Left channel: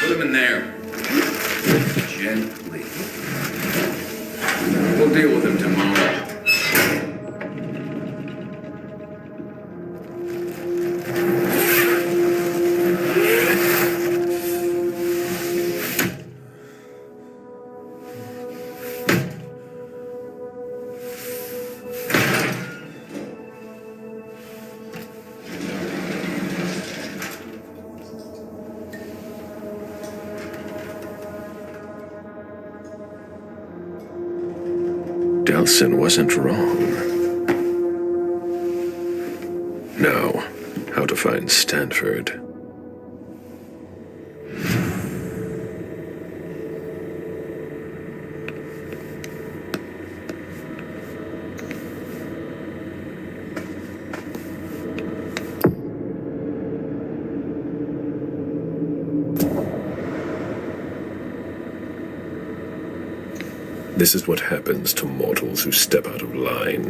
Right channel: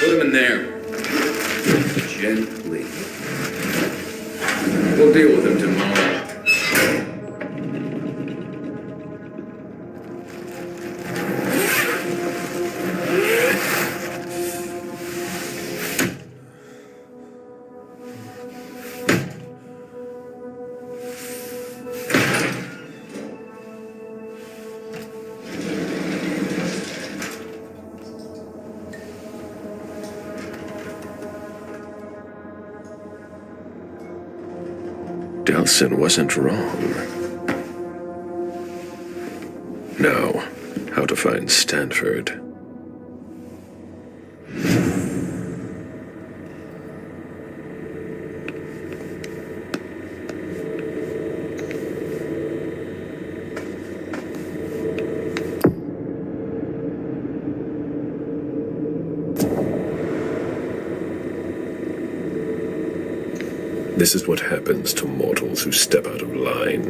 Put him in there. Gently. We'll deal with him tomorrow. Delson wasn't wrong. Now, how to find Stanford. This is what happens to mortals who step out of line.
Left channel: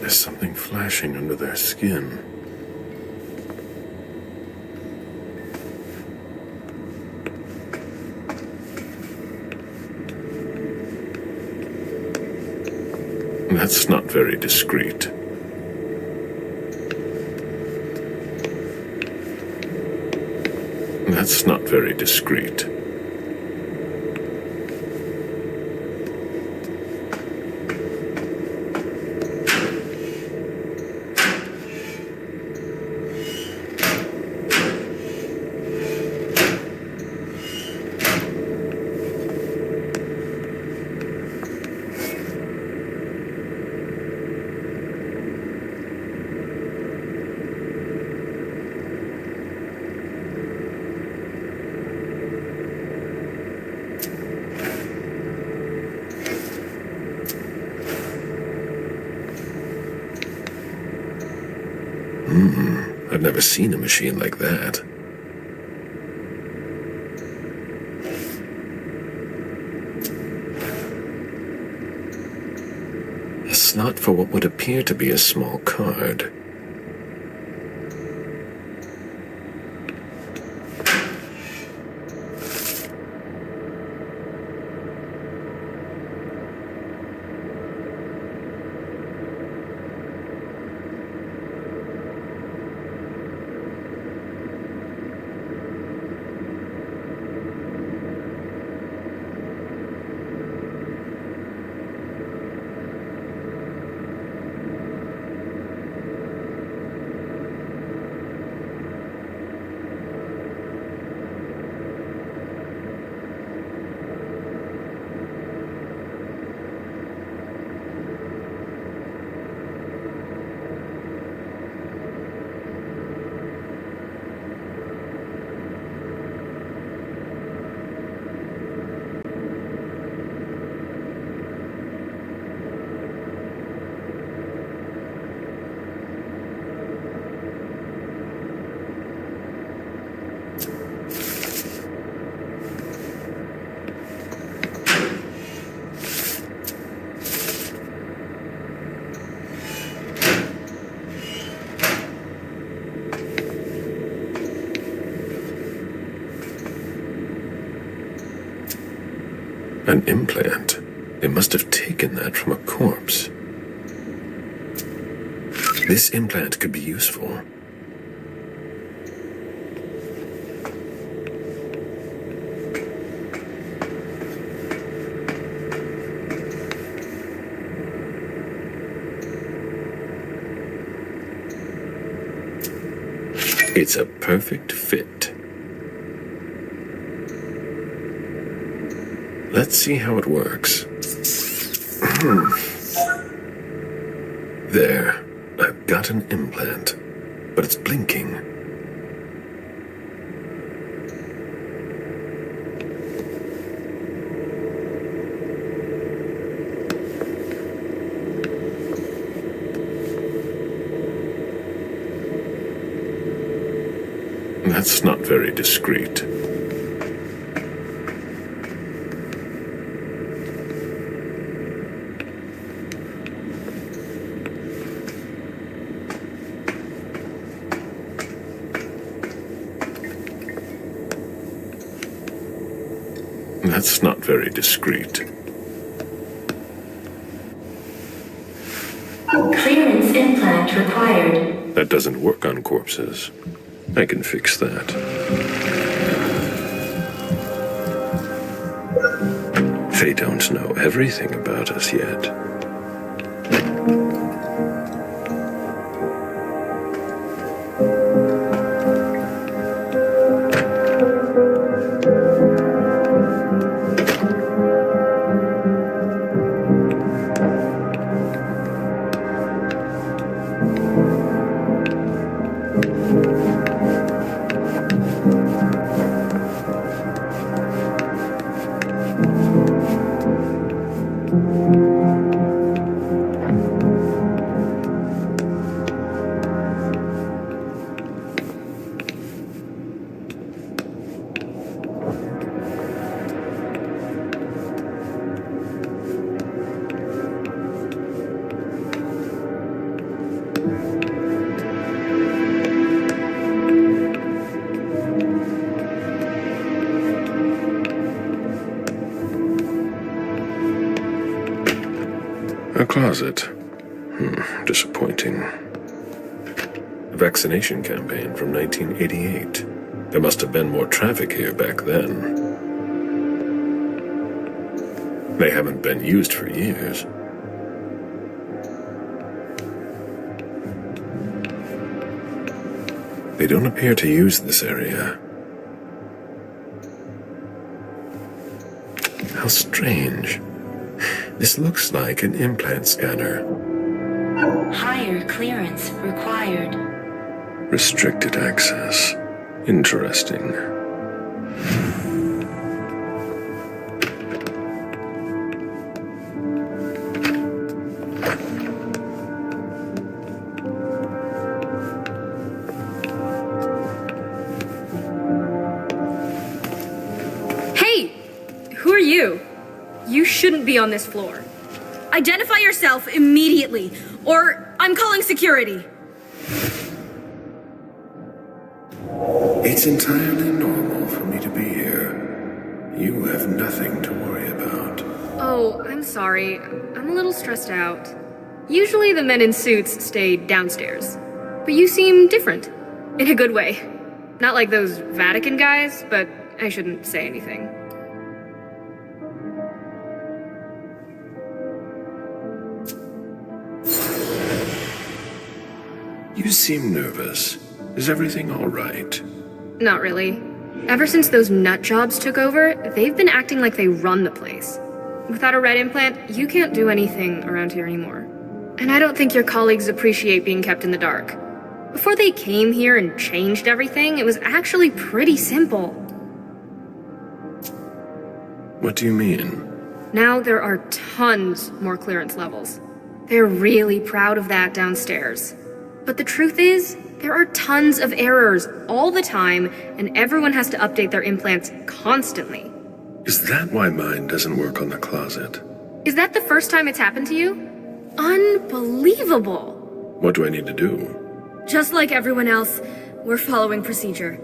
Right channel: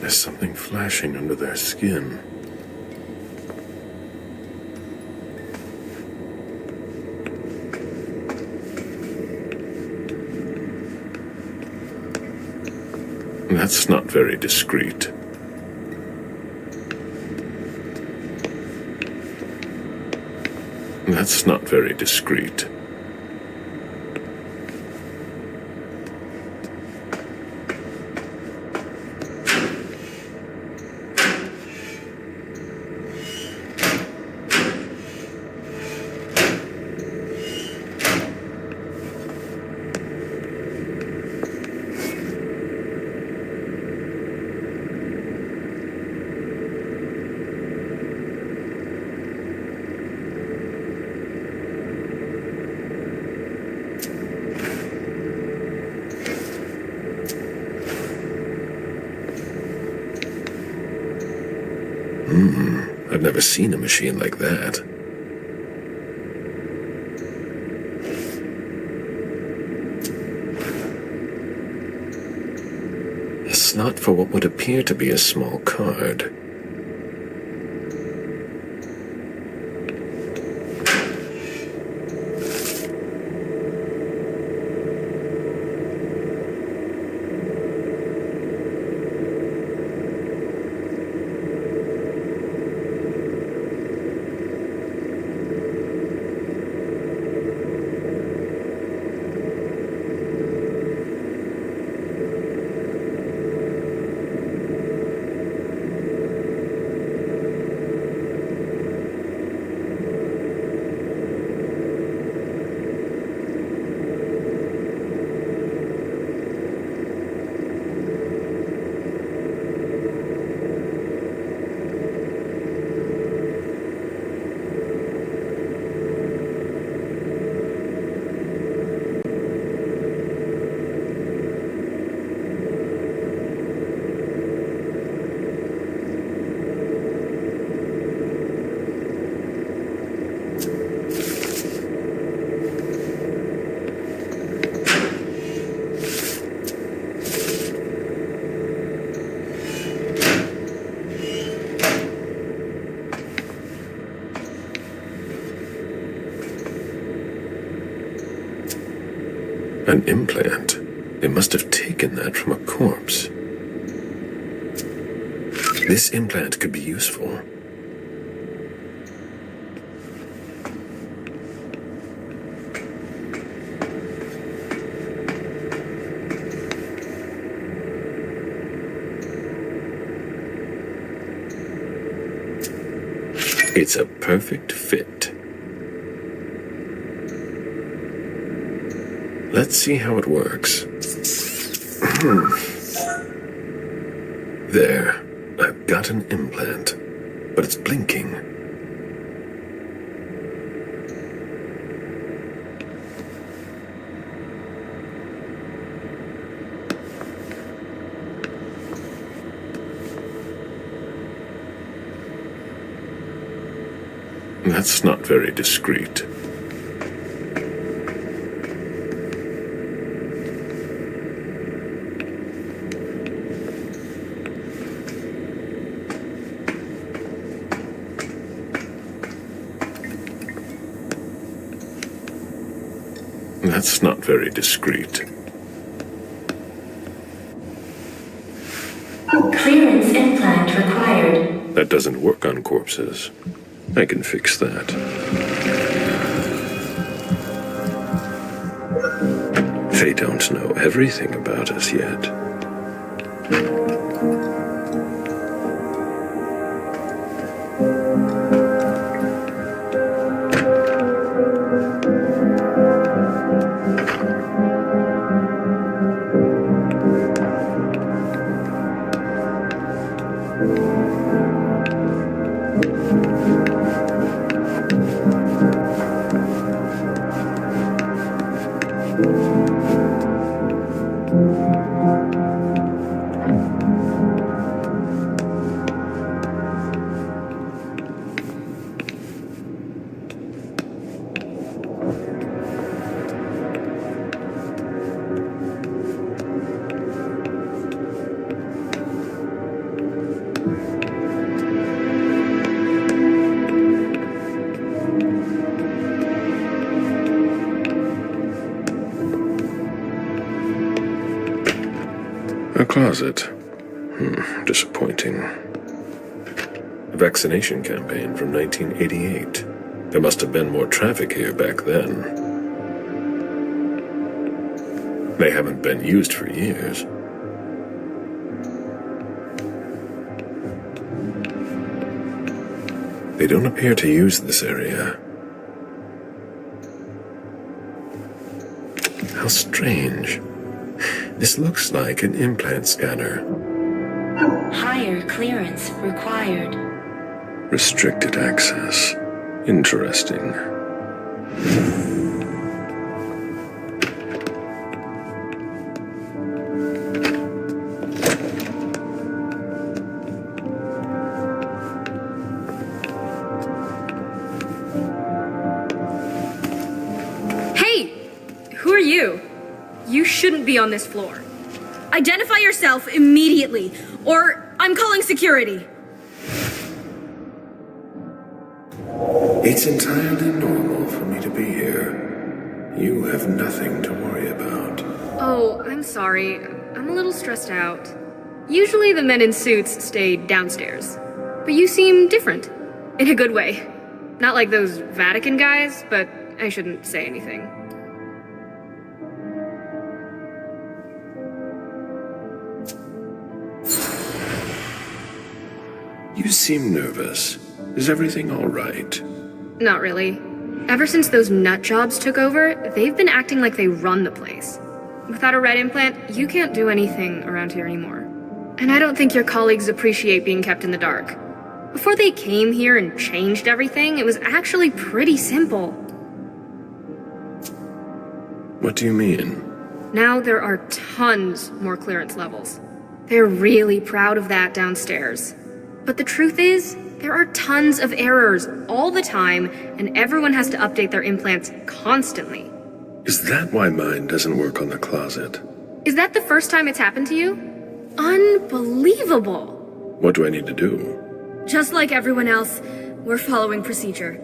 There's something flashing under their skin. That's not very discreet. That's not very discreet. I've never seen a machine like that. A slot for what would appear to be a small card. An implant. They must have taken that from a corpse. This implant could be useful. It's a perfect fit. Let's see how it works. There, I've got an implant, but it's blinking. That's not very discreet. That's not very discreet. Clearance implant required. That doesn't work on corpses. I can fix that. They don't know everything about us yet. A closet. Disappointing. A vaccination campaign from 1988. There must have been more traffic here back then. They haven't been used for years. They don't appear to use this area. How strange. This looks like an implant scanner. Higher clearance required. Restricted access. Interesting. Hey! Who are you? You shouldn't be on this floor. Identify yourself immediately, or I'm calling security. It's entirely normal for me to be here. You have nothing to worry about. Oh, I'm sorry. I'm a little stressed out. Usually the men in suits stay downstairs. But you seem different. In a good way. Not like those Vatican guys, but I shouldn't say anything. You seem nervous. Is everything all right? Not really. Ever since those nut jobs took over, they've been acting like they run the place. Without a red implant, you can't do anything around here anymore. And I don't think your colleagues appreciate being kept in the dark. Before they came here and changed everything, it was actually pretty simple. What do you mean? Now there are tons more clearance levels. They're really proud of that downstairs. But the truth is, there are tons of errors all the time, and everyone has to update their implants constantly. Is that why mine doesn't work on the closet? Is that the first time it's happened to you? Unbelievable! What do I need to do? Just like everyone else, we're following procedure.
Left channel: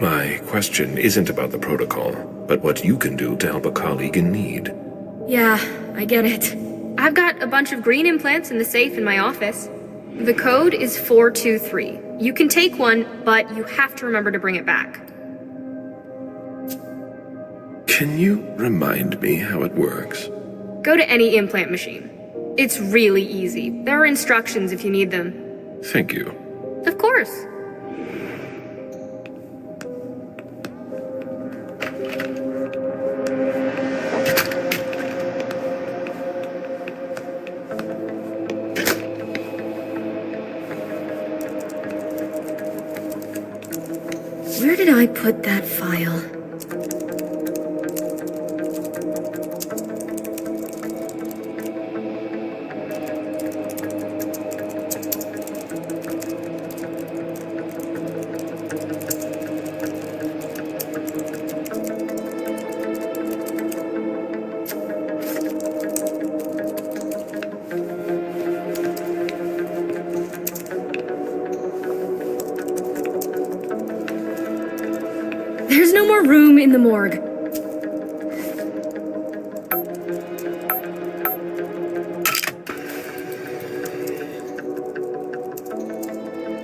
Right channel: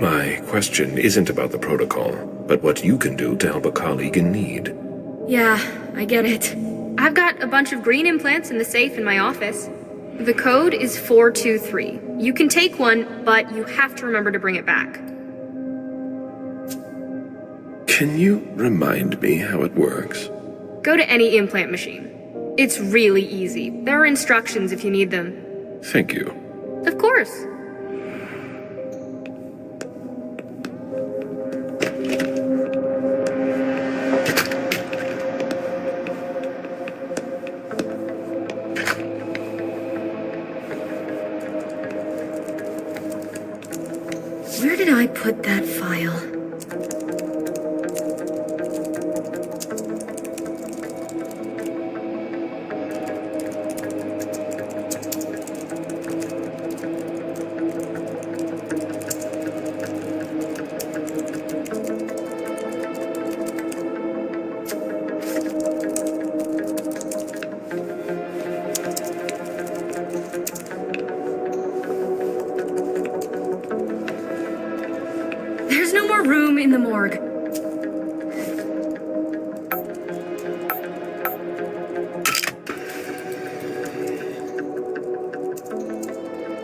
My question isn't about the protocol, but what you can do to help a colleague in need. Yeah, I get it. I've got a bunch of green implants in the safe in my office. The code is 423. You can take one, but you have to remember to bring it back. Can you remind me how it works? Go to any implant machine. It's really easy. There are instructions if you need them. Thank you. Of course. Where did I put that file? There's no more room in the morgue.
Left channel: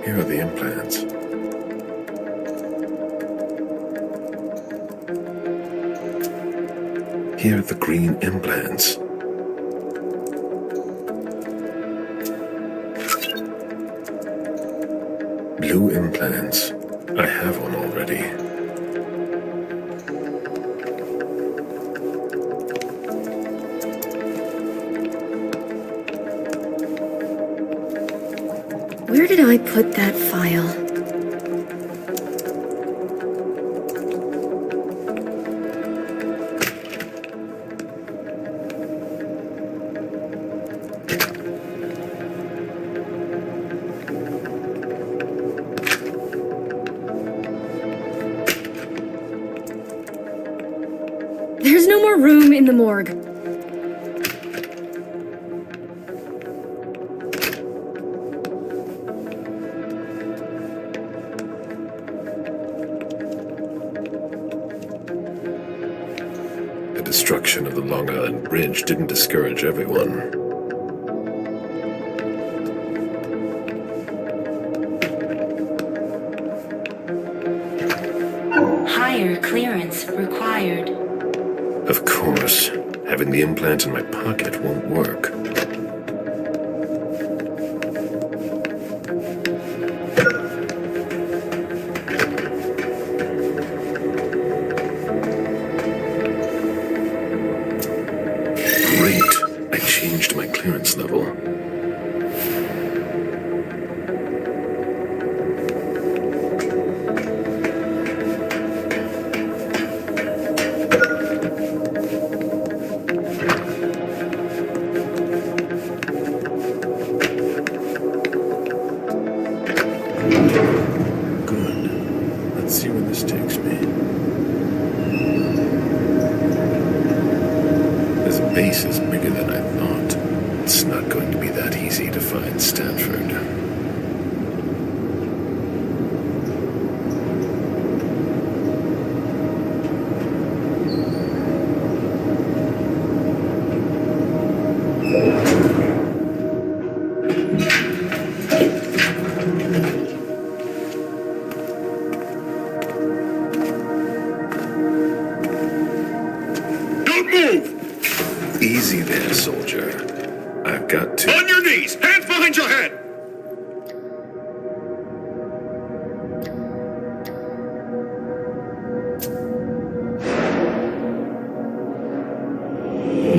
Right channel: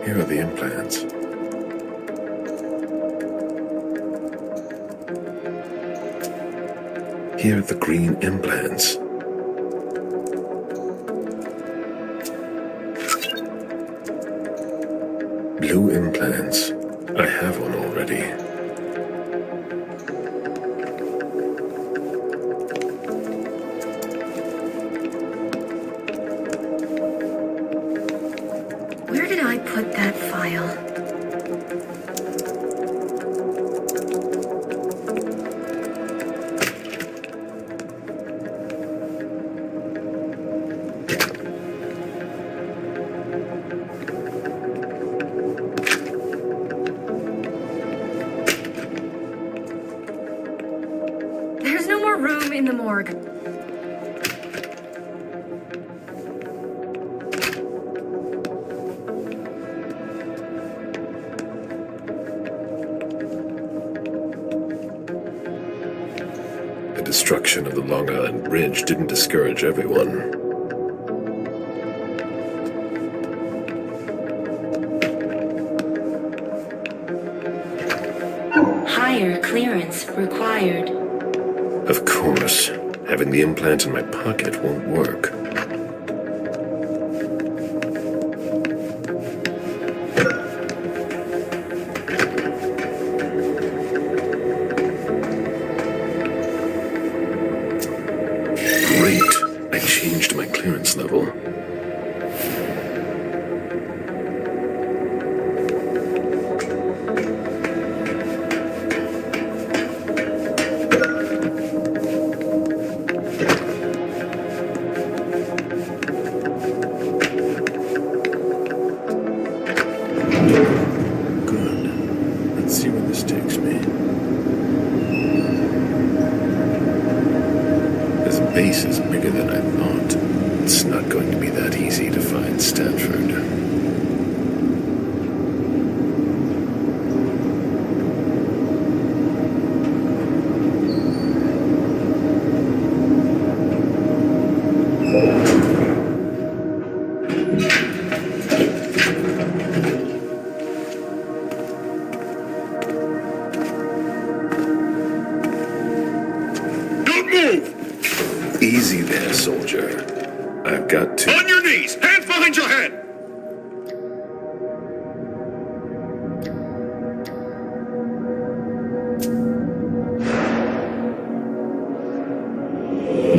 Here are the implants. Here are the green implants. Blue implants. I have one already. Where did I put that file? There's no more room in the morgue. The destruction of the Long Island Bridge didn't discourage everyone. Higher clearance required. Of course, having the implant in my pocket won't work. Great! I changed my clearance level. Good. Let's see where this takes me. This base is bigger than I thought. It's not going to be that easy to find Stanford. Move! Easy there, soldier. I've got to... On your knees! Hands behind your head!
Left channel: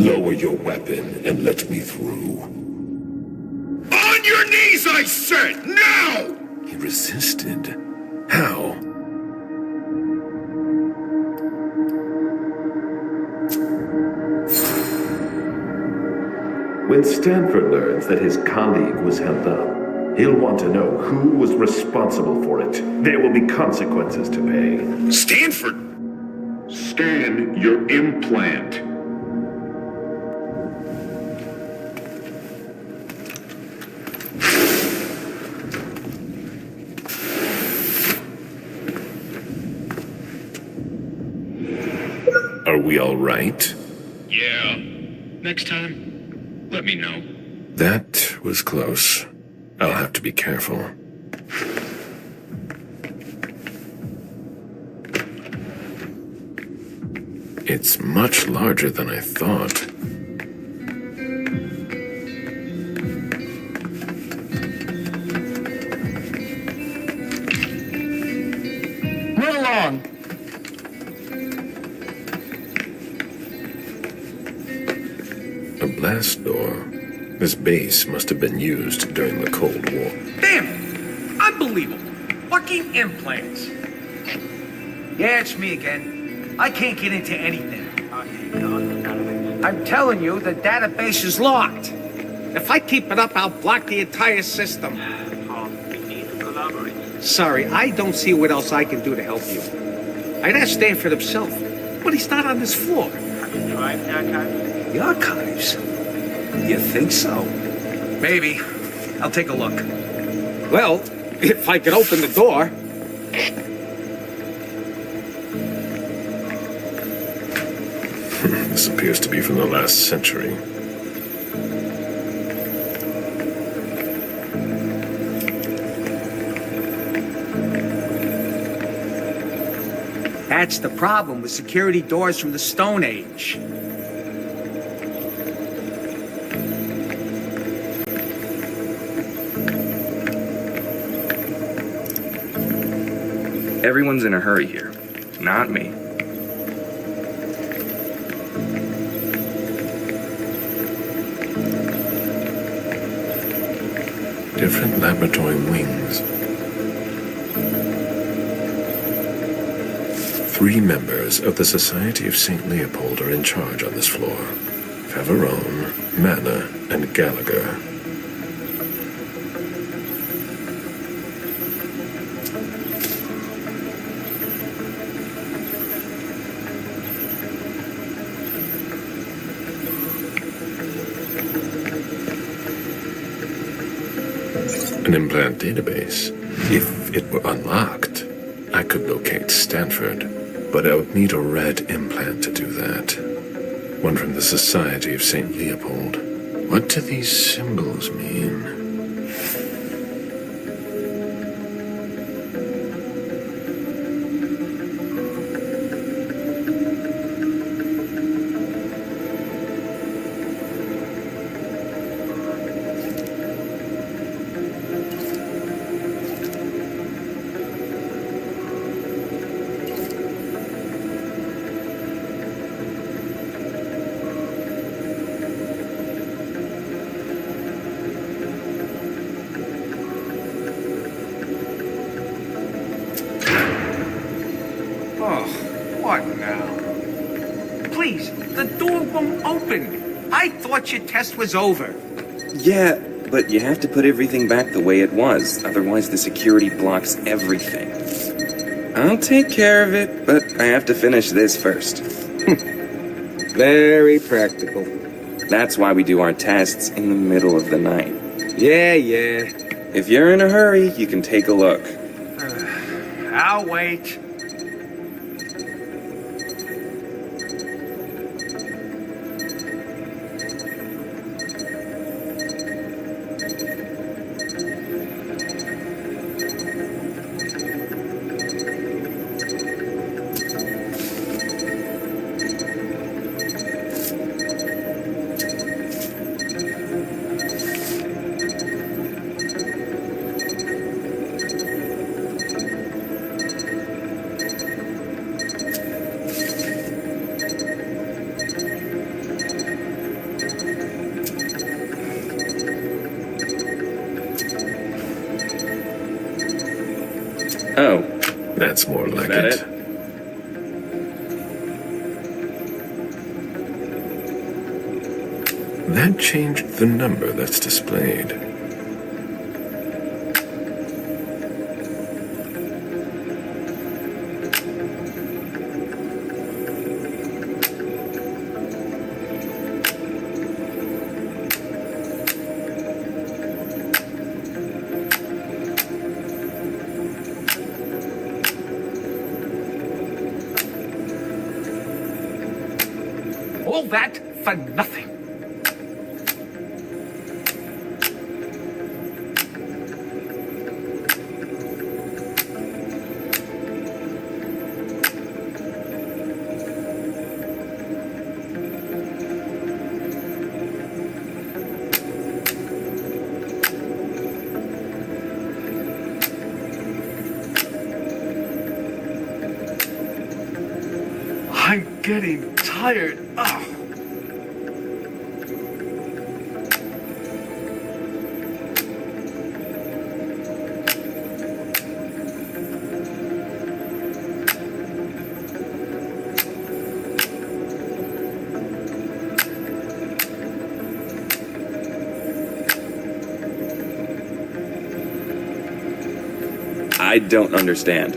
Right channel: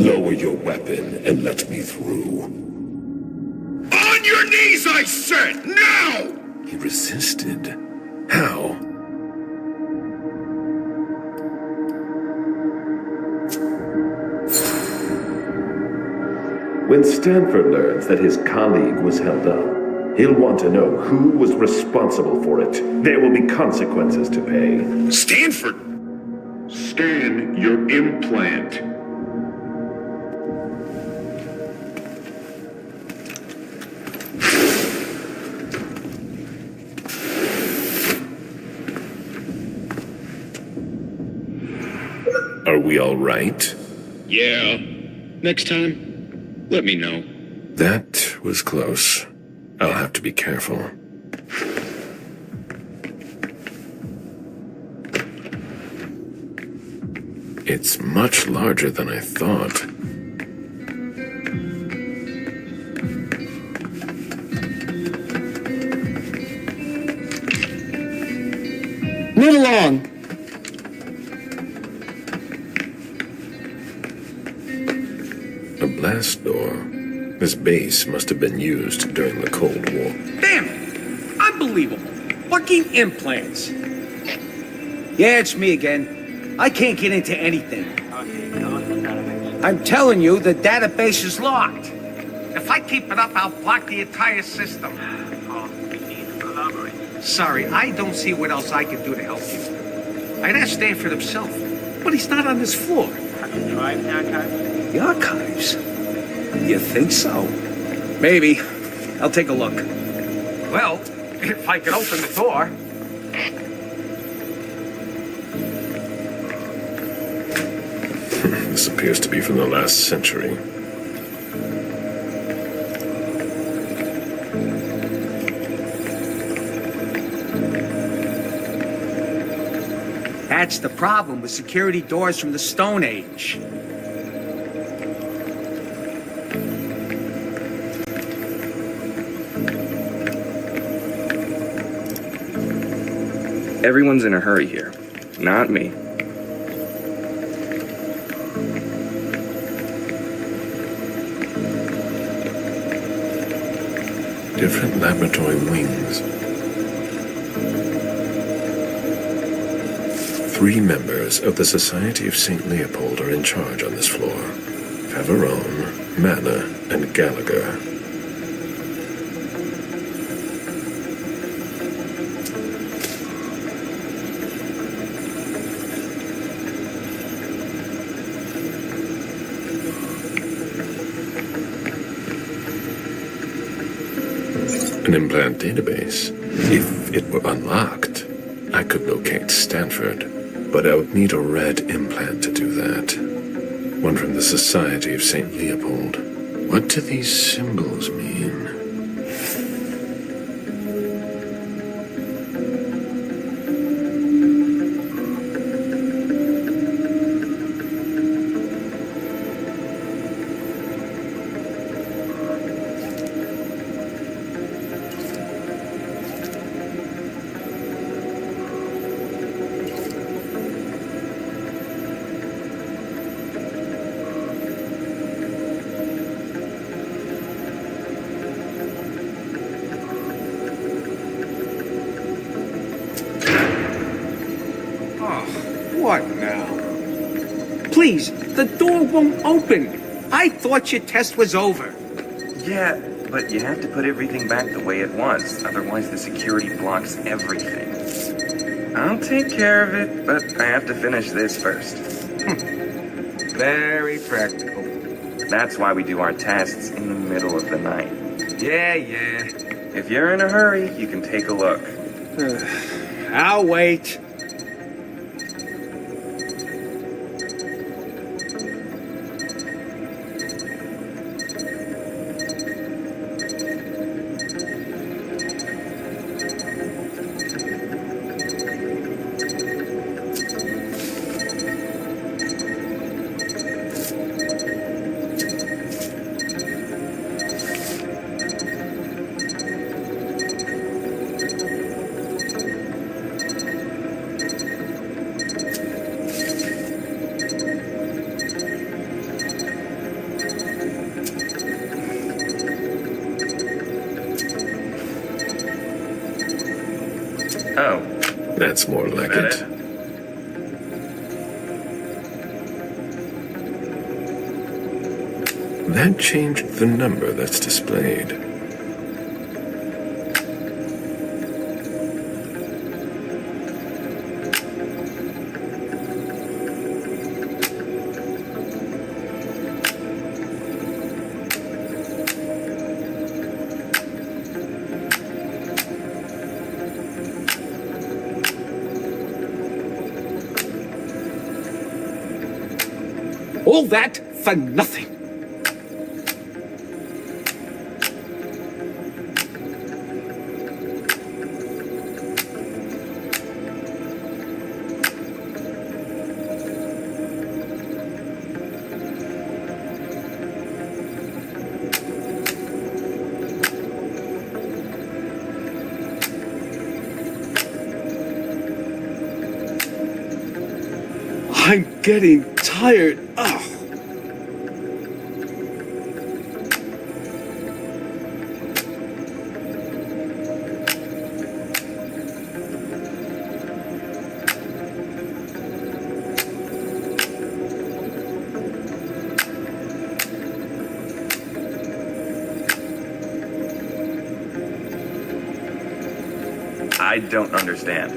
Lower your weapon and let me through. On your knees, I said! Now! He resisted. How? When Stanford learns that his colleague was held up, he'll want to know who was responsible for it. There will be consequences to pay. Stanford! Scan your implant. Are we all right? Yeah. Next time, let me know. That was close. I'll have to be careful. It's much larger than I thought. Move along. A blast door. This base must have been used during the Cold War. Damn it! Unbelievable. Fucking implants. Yeah, it's me again. I can't get into anything. I'm telling you, the database is locked. If I keep it up, I'll block the entire system. Sorry, I don't see what else I can do to help you. I'd ask Stanford himself, but he's not on this floor. Have you tried the archives? The archives? You think so? Maybe. I'll take a look. Well, if I can open the door. This appears to be from the last century. That's the problem with security doors from the Stone Age. Everyone's in a hurry here. Not me. Different laboratory wings. 3 members of the Society of St. Leopold are in charge on this floor. Favarone, Manna, and Gallagher. An implant database. If it were unlocked, I could locate Stanford, but I would need a red implant to do that. One from the Society of St. Leopold. What do these symbols mean? Oh, what now? Please, the door won't open. I thought your test was over. Yeah, but you have to put everything back the way it was, otherwise the security blocks everything. I'll take care of it, but I have to finish this first. Very practical. That's why we do our tests in the middle of the night. Yeah. If you're in a hurry, you can take a look. I'll wait. Oh. That's more like That it. it? That changed the number that's displayed. All that for nothing. I'm getting tired. Ugh. I don't understand.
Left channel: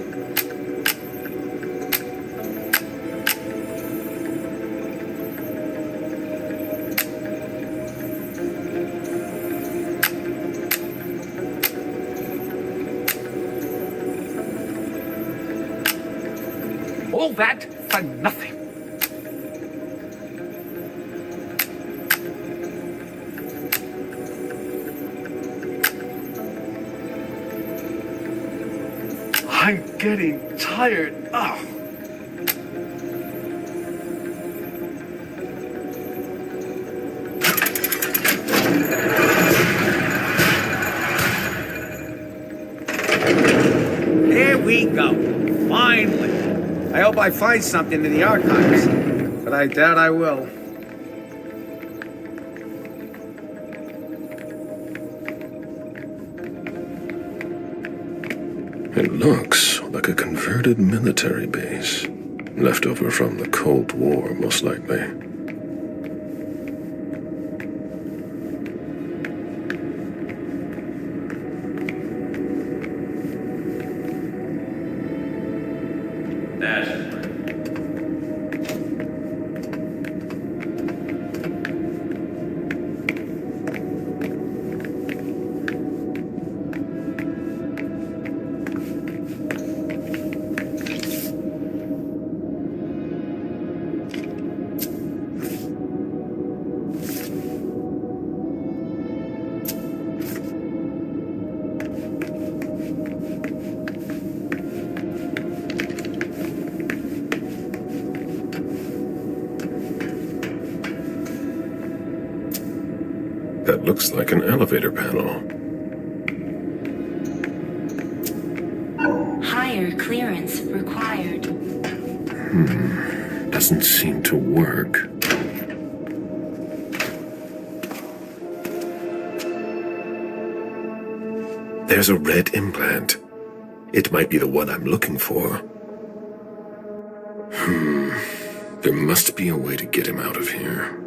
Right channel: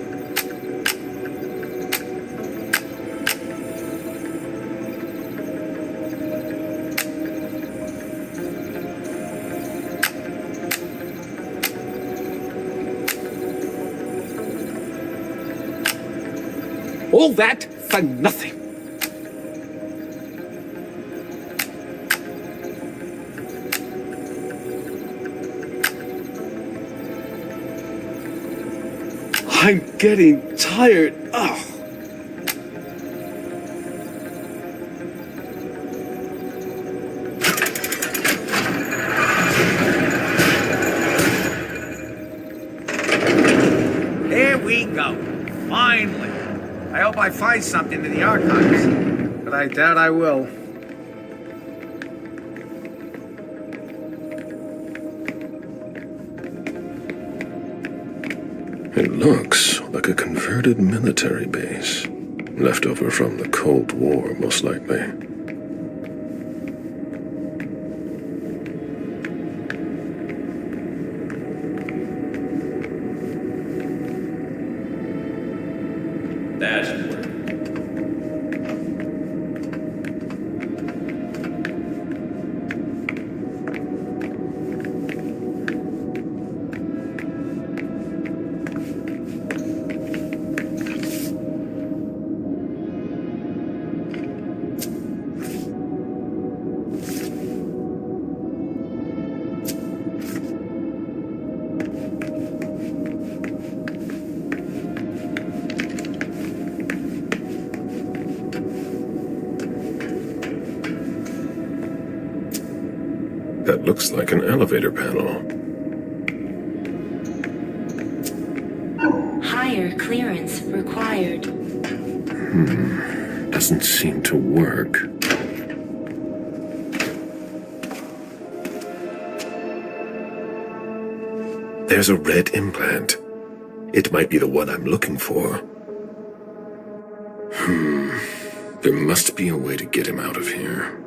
All that for nothing. I'm getting tired. Ugh. There we go. Finally. I hope I find something in the archives, but I doubt I will. It looks like a converted military base. Left over from the Cold War, most likely. Dashboard. That looks like an elevator panel. Higher clearance required. Doesn't seem to work. There's a red implant. It might be the one I'm looking for. There must be a way to get him out of here.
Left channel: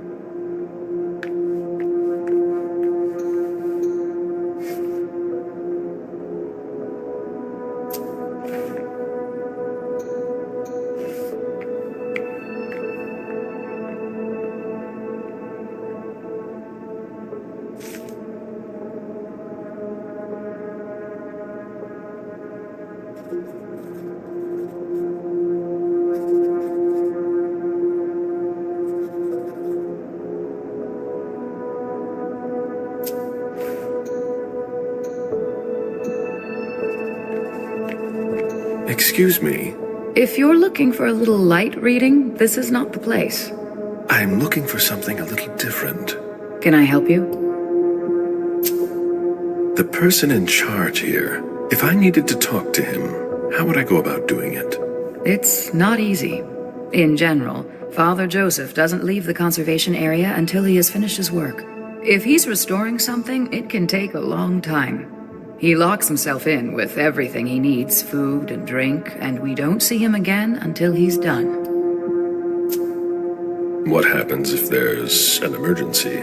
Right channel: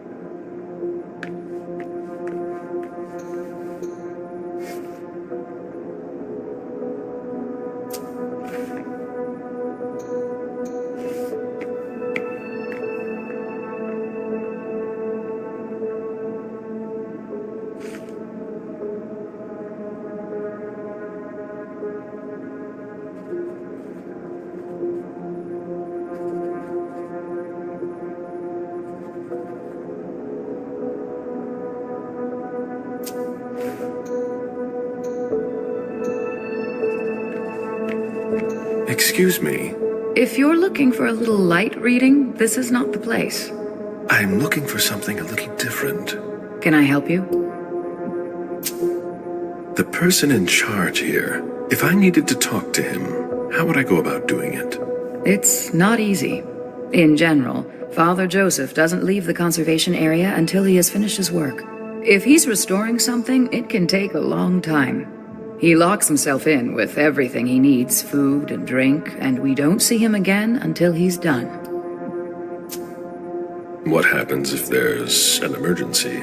Excuse me. If you're looking for a little light reading, this is not the place. I'm looking for something a little different. Can I help you? The person in charge here, if I needed to talk to him, how would I go about doing it? It's not easy. In general, Father Joseph doesn't leave the conservation area until he has finished his work. If he's restoring something, it can take a long time. He locks himself in with everything he needs, food and drink, and we don't see him again until he's done. What happens if there's an emergency?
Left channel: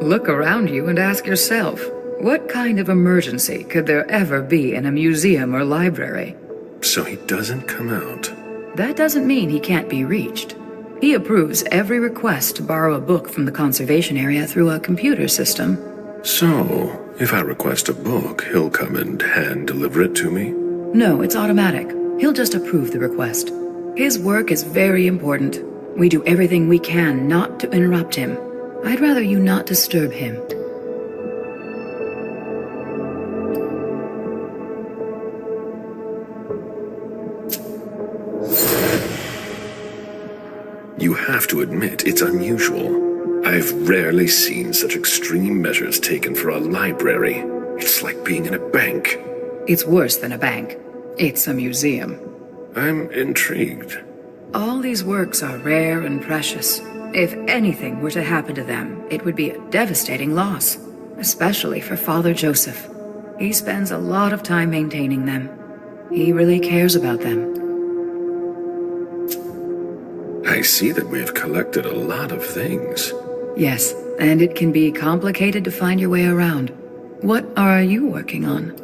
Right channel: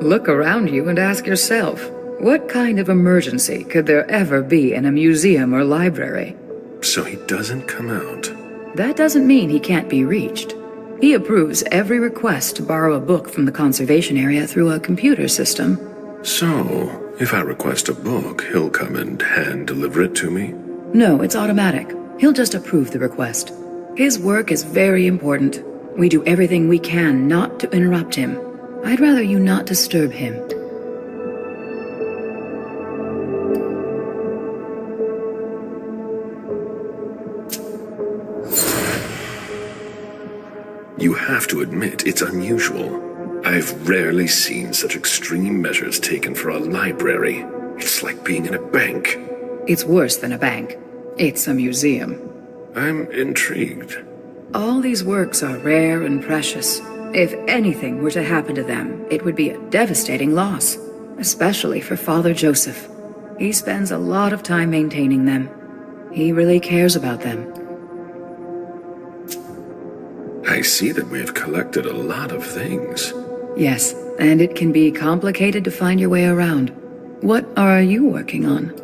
Look around you and ask yourself, what kind of emergency could there ever be in a museum or library? So he doesn't come out. That doesn't mean he can't be reached. He approves every request to borrow a book from the conservation area through a computer system. So, if I request a book, he'll come and hand-deliver it to me? No, it's automatic. He'll just approve the request. His work is very important. We do everything we can not to interrupt him. I'd rather you not disturb him. You have to admit it's unusual. I've rarely seen such extreme measures taken for a library. It's like being in a bank. It's worse than a bank. It's a museum. I'm intrigued. All these works are rare and precious. If anything were to happen to them, it would be a devastating loss, especially for Father Joseph. He spends a lot of time maintaining them. He really cares about them. I see that we have collected a lot of things. Yes, and it can be complicated to find your way around. What are you working on?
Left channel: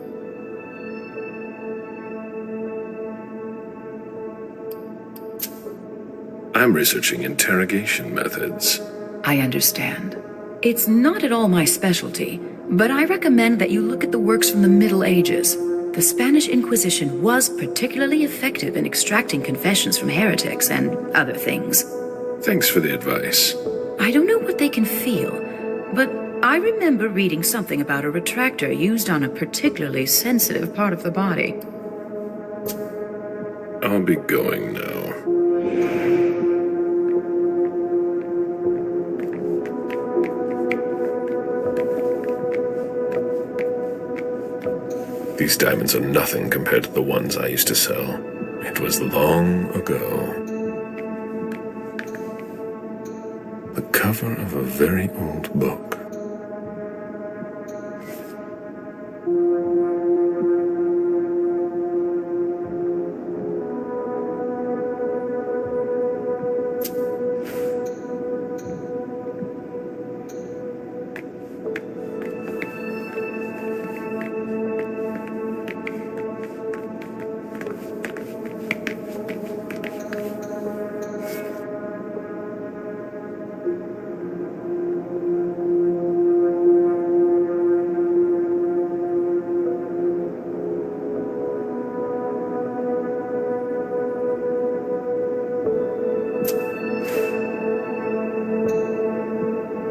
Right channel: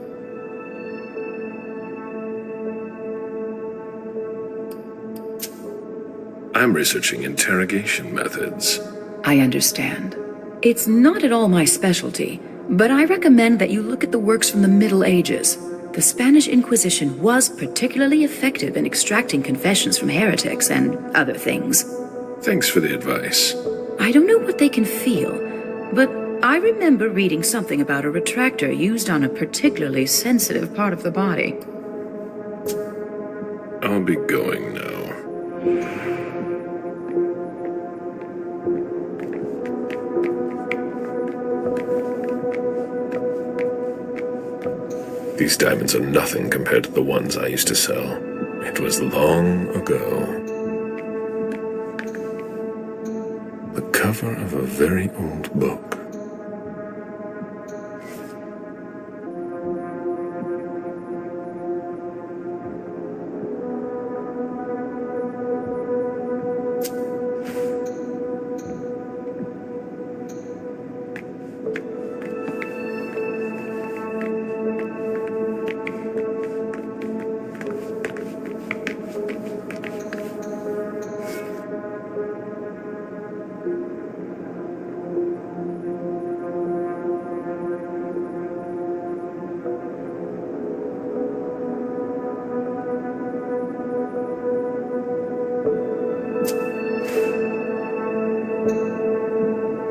I'm researching interrogation methods. I understand. It's not at all my specialty, but I recommend that you look at the works from the Middle Ages. The Spanish Inquisition was particularly effective in extracting confessions from heretics and other things. Thanks for the advice. I don't know what they can feel, but I remember reading something about a retractor used on a particularly sensitive part of the body. I'll be going now. These diamonds are nothing compared to the ones I used to sell. It was long ago. The cover of a very old book.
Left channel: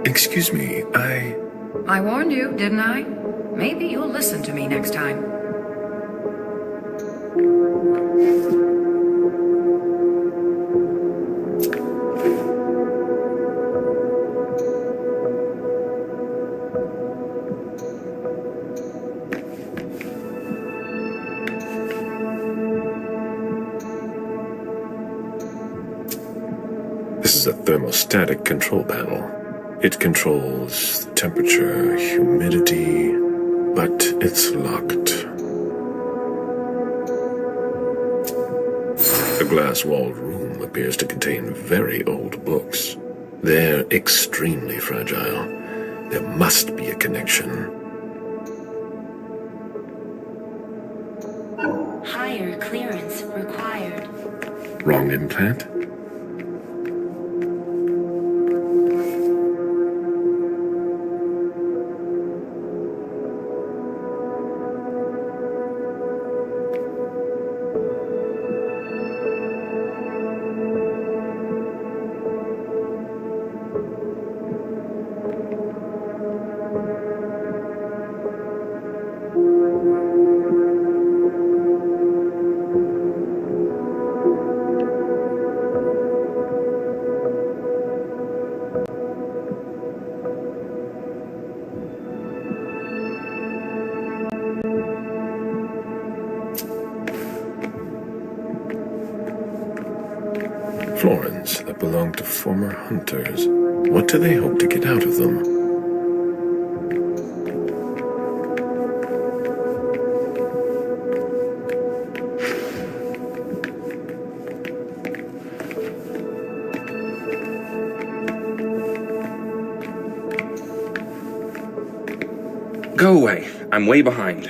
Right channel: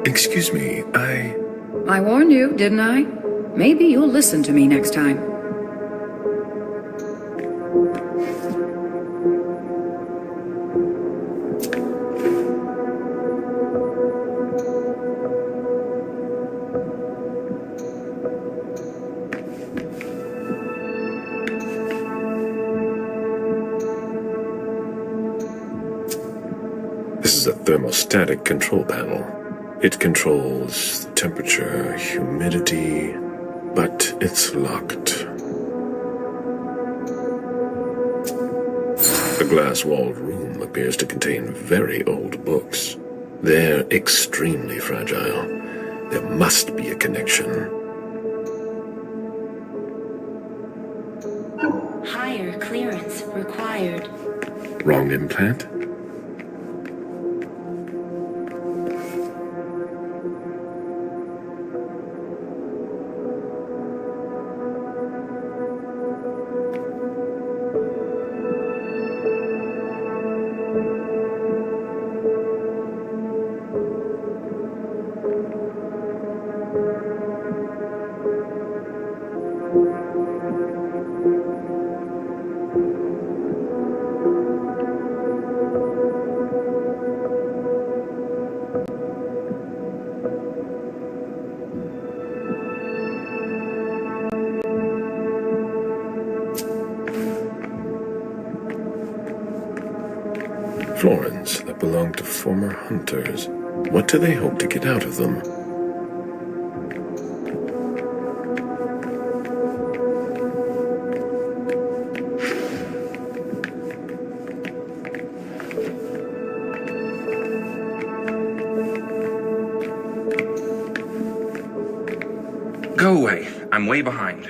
Excuse me, I warned you, didn't I? Maybe you'll listen to me next time. This is a thermostatic control panel. It controls the temperature, humidity, but it's locked. The glass-walled room appears to contain very old books. They're extremely fragile. There must be a connection. Higher clearance required. Wrong implant? Florins that belong to former hunters. What do they hope to get out of them? Go away. I'm way behind.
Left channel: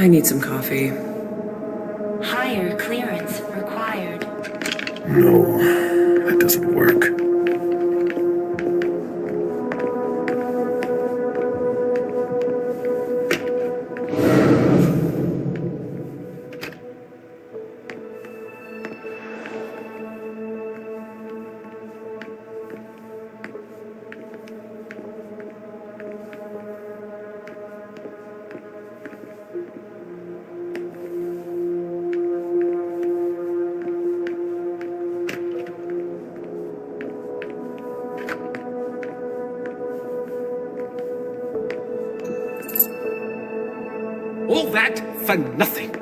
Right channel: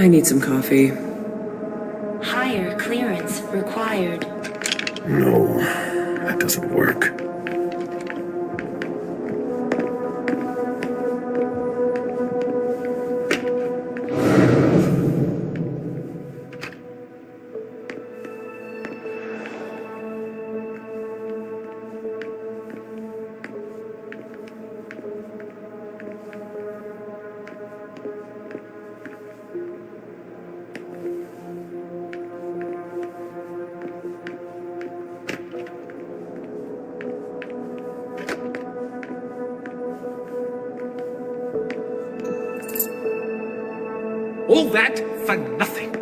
I need some coffee. Higher clearance required. No, that doesn't work. All that for nothing.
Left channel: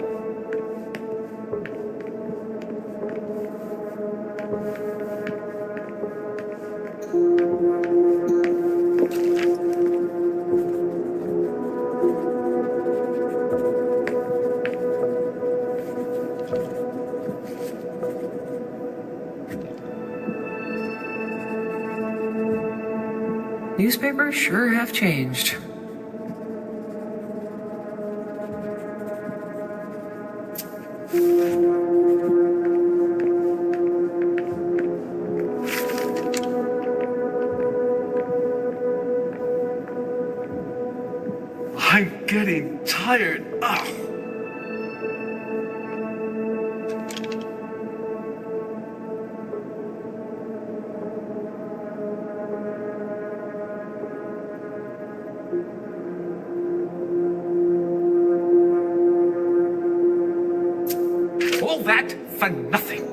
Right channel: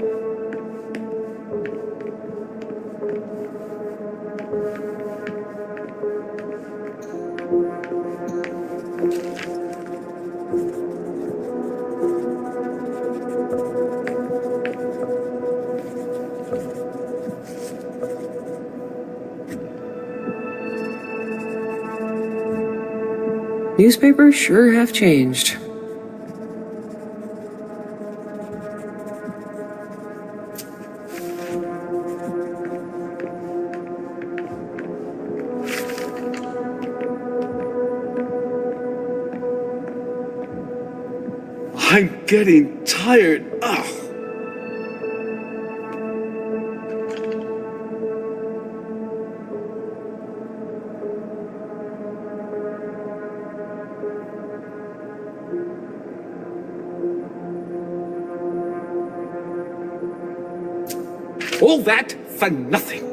Newspapers sure have changed. I'm getting tired. Ugh. All that for nothing.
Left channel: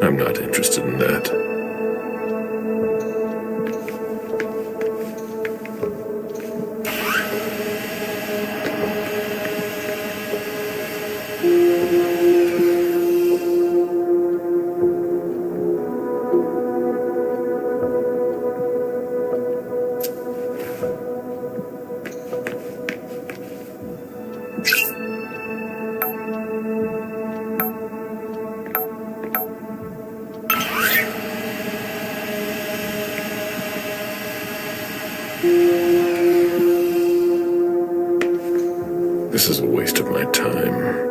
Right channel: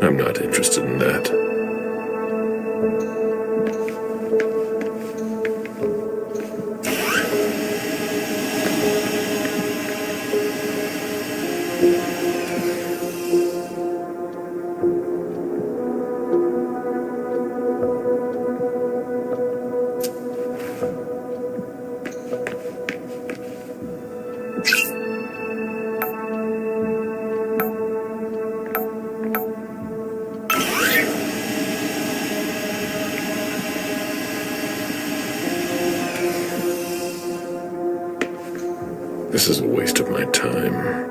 I'm not interested in that. This is a waste of my time.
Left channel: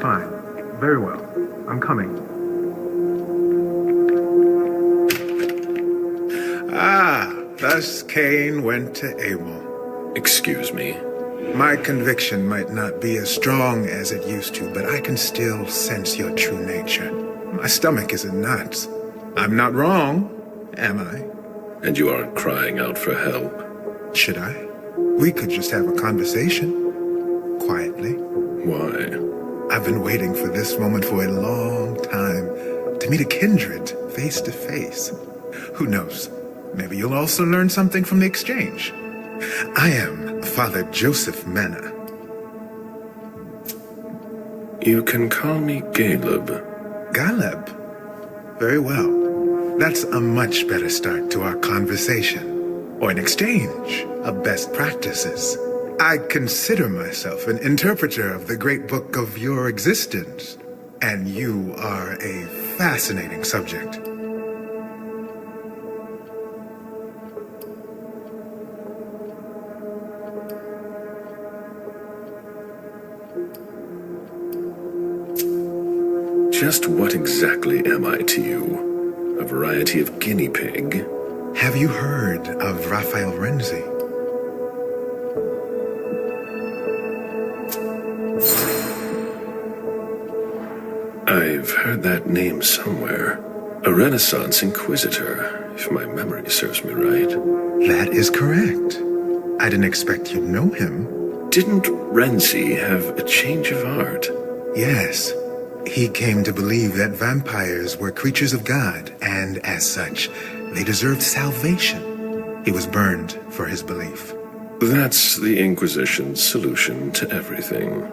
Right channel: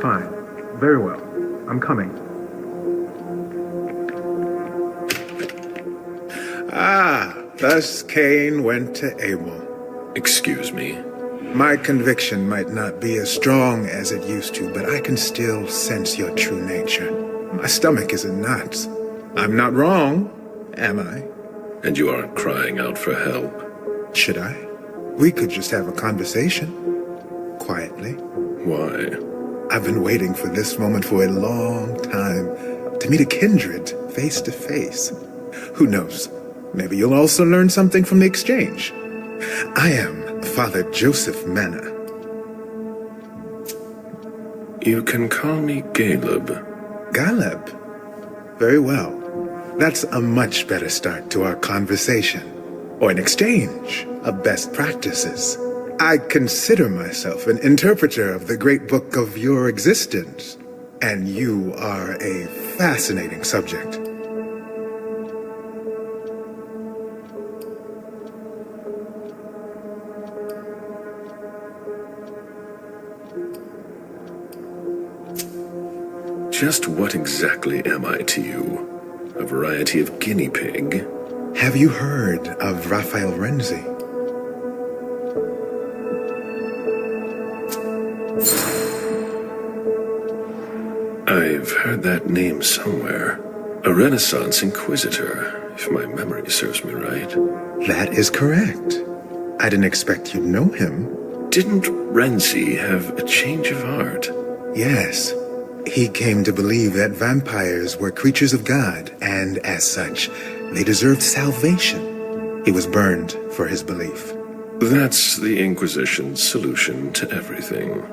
Fine. Very well. I'm coming. Ah, thus Cain went to Abel. Excuse me. My conviction might not be as strong as it used to, but I can still sense your true nature. My stomach is in knots. I'm not wrong, am I? And you aren't crying out for help. Should I? We could just have a conversation. Quietly. Why? I've been waiting for this moment for a long time. To meet a kindred face to face. Who knows? Maybe you'll also learn something from the exchange. I am Father Joseph Mena. You can call me Caleb. Caleb? Very well. That's a much better start to our conversation. Or an exchange of best practices. I consider myself an interpreter of the great book of your existence. And you are a fascinating subject. Just what exactly am I to you? A variety of guinea pig? Have you heard of Raphael Renzi? I've heard that name somewhere. A Renaissance inquisitor, if my memory serves me right. That is correct. I didn't expect you'd know him. Didn't Renzi have a change of heart? Yes. He came to believe that vampires were creatures of God, and as such, they deserved salvation. He was burned for his belief. That's the Inquisition's solution to everything.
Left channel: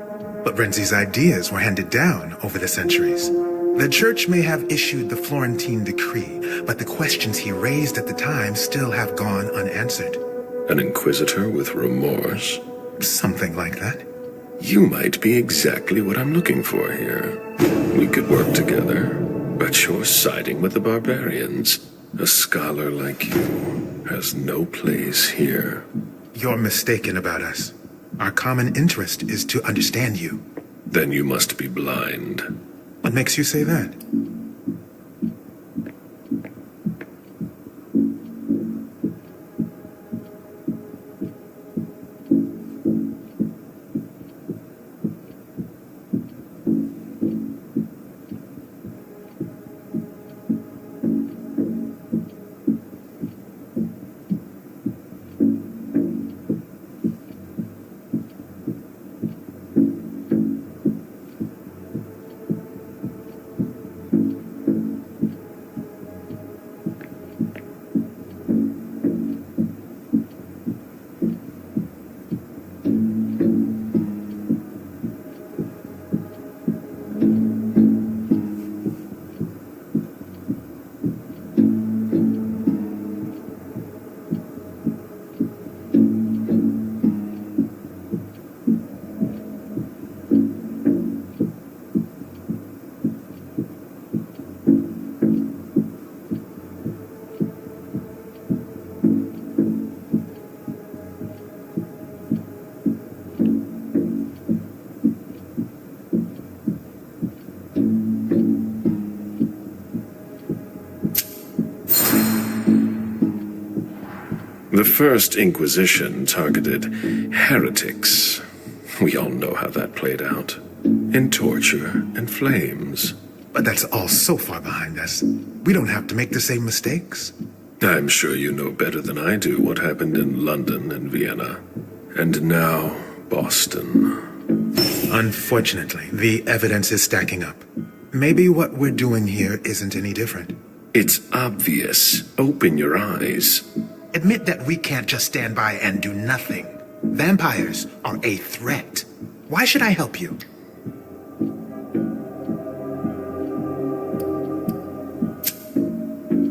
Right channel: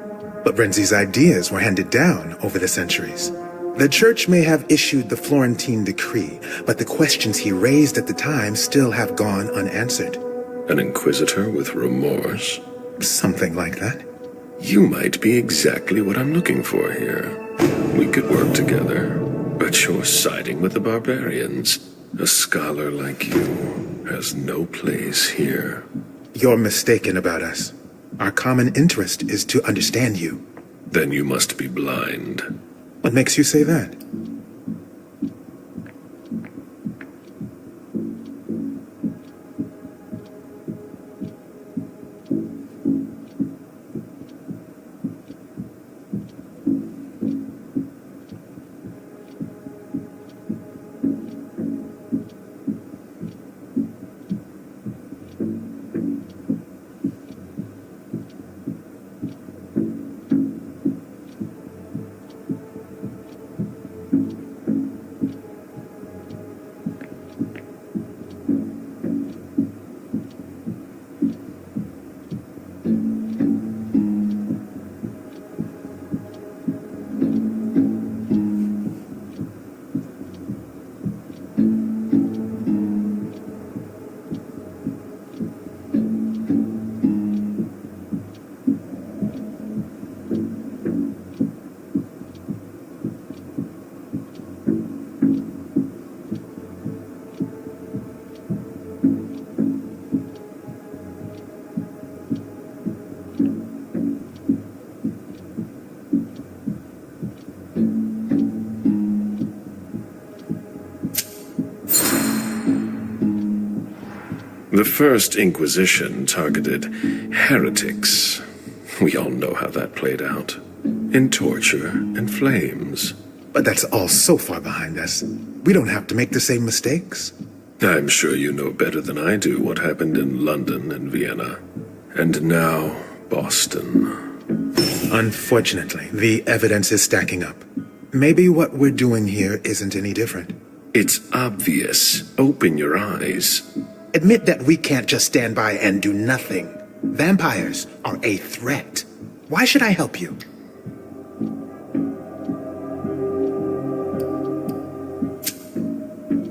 But Renzi's ideas were handed down over the centuries. The church may have issued the Florentine decree, but the questions he raised at the time still have gone unanswered. An inquisitor with remorse? Something like that. You might be exactly what I'm looking for here. We could work together, but you're siding with the barbarians. A scholar like you has no place here. You're mistaken about us. Our common interest is to understand you. Then you must be blind. What makes you say that? The First Inquisition targeted heretics. We all know how that played out. In torture and flames. But that's all so far behind us. We don't have to make the same mistakes. I'm sure you know better than I do what happened in London and Vienna. And now, Boston. Unfortunately, the evidence is stacking up. Maybe what we're doing here isn't any different. It's obvious. Open your eyes. Admit that we can't just stand by and do nothing. Vampires are a threat. Why should I help you?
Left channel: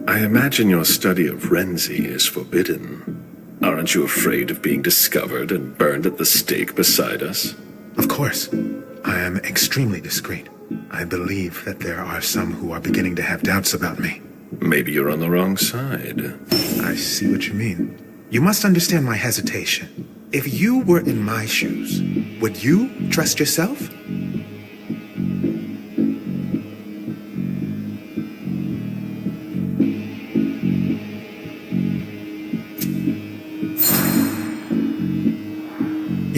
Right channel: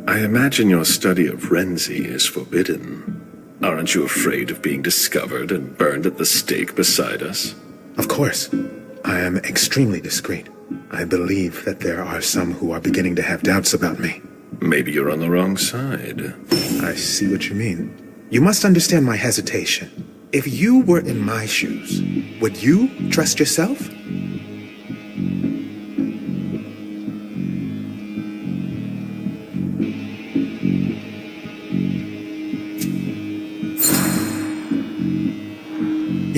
I imagine your study of Renzi is forbidden. Aren't you afraid of being discovered and burned at the stake beside us? Of course. I am extremely discreet. I believe that there are some who are beginning to have doubts about me. Maybe you're on the wrong side. I see what you mean. You must understand my hesitation. If you were in my shoes, would you trust yourself?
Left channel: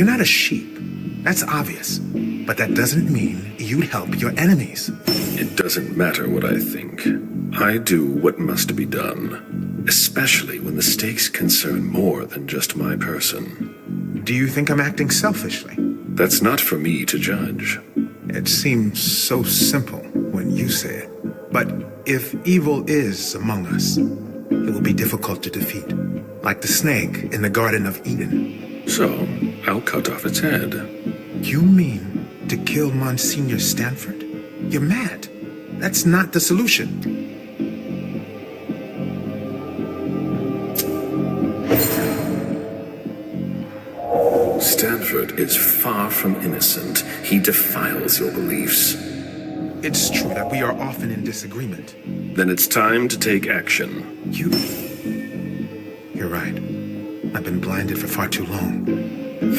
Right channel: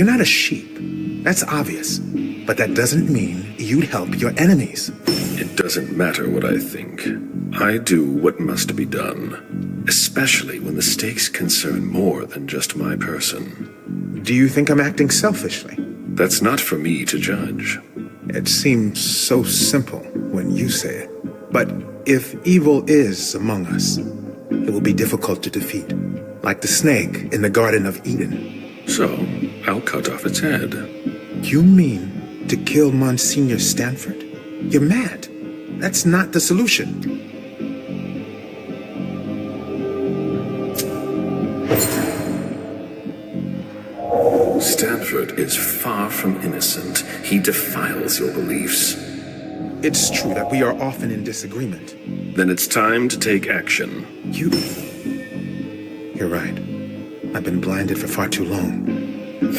You're not a sheep. That's obvious. But that doesn't mean you'd help your enemies. It doesn't matter what I think. I do what must be done, especially when the stakes concern more than just my person. Do you think I'm acting selfishly? That's not for me to judge. It seems so simple when you say it. But if evil is among us, it will be difficult to defeat, like the snake in the Garden of Eden. So, I'll cut off its head. You mean to kill Monsignor Stanford? You're mad. That's not the solution. Stanford is far from innocent. He defiles your beliefs. It's true that we are often in disagreement. Then it's time to take action. You're right. I've been blinded for far too long.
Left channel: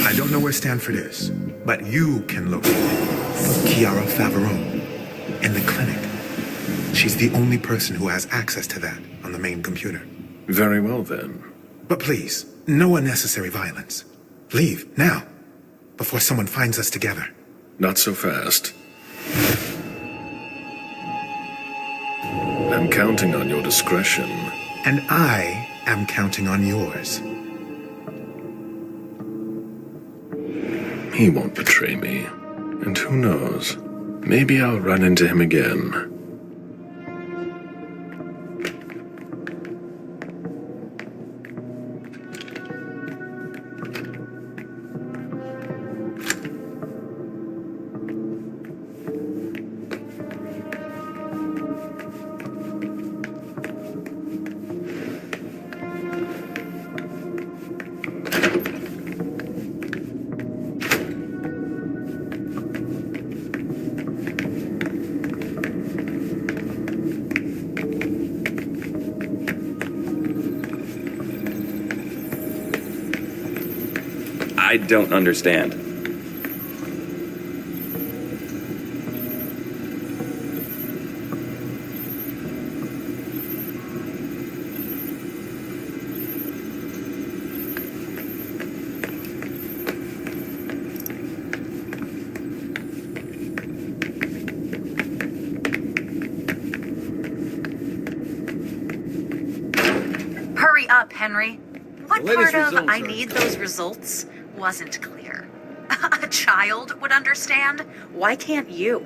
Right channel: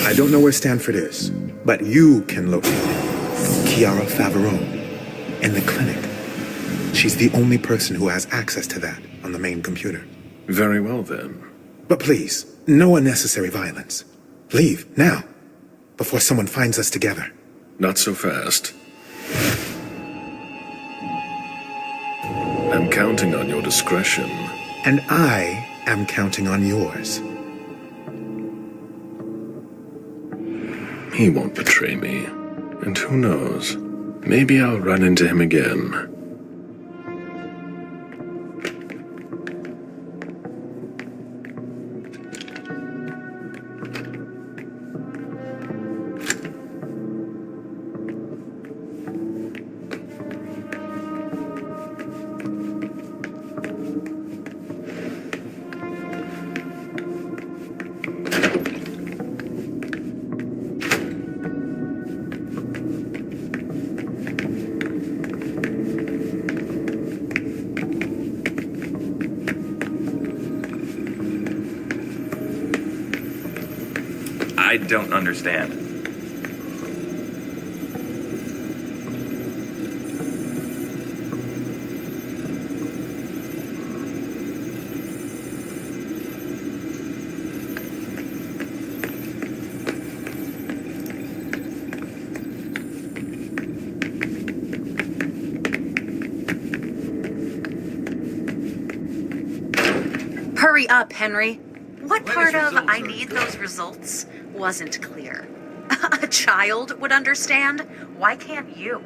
I don't know where Stanford is, but you can locate him. Chiara Favorone, in the clinic. She's the only person who has access to that on the main computer. Very well, then. But please, no unnecessary violence. Leave, now, before someone finds us together. Not so fast. I'm counting on your discretion. And I am counting on yours. He won't betray me. And who knows? Maybe I'll run into him again. I don't understand. Hurry up, Henry. What Latest part of results I are need good. those results wasn't clear? A child would understand. Why can't you?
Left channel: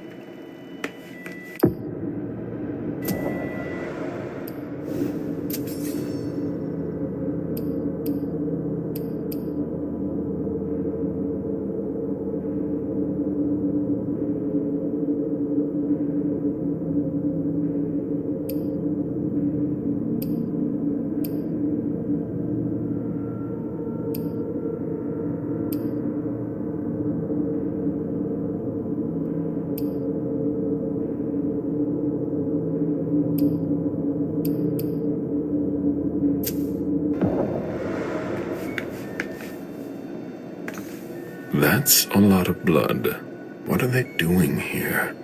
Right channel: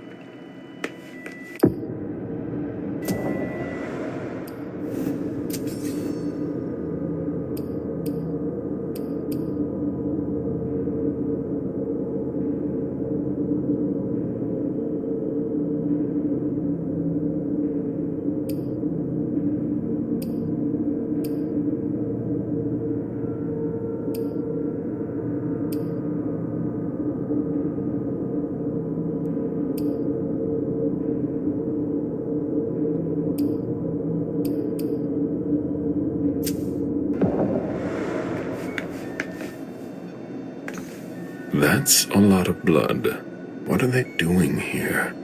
That's a lot of blood. What are they doing here?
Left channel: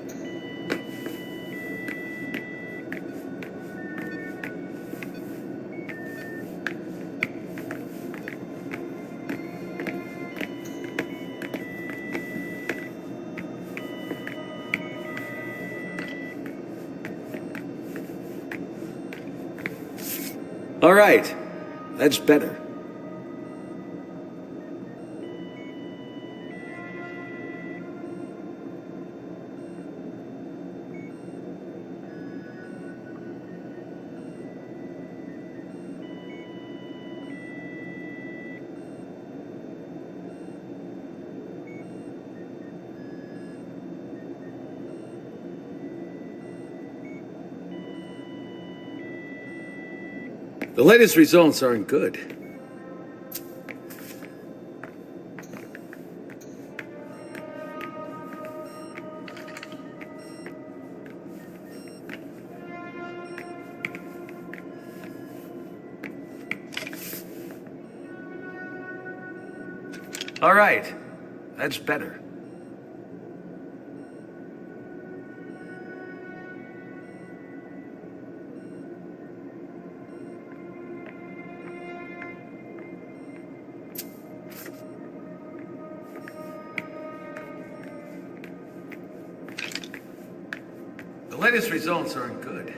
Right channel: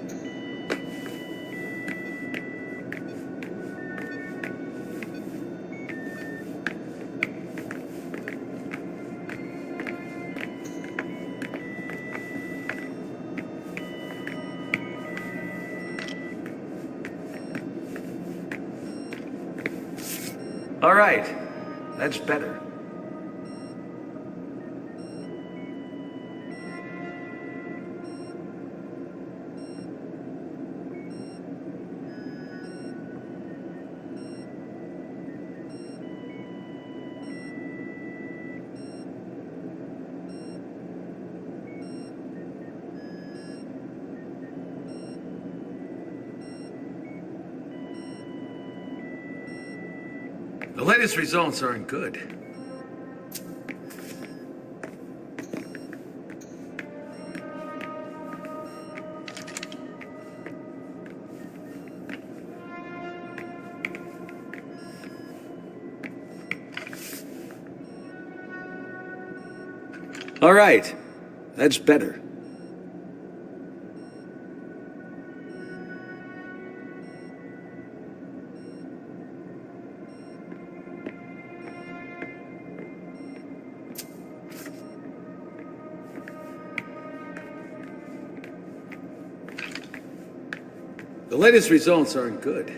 All right. That's better. The latest results aren't good. All right. That's better. The latest results aren't good.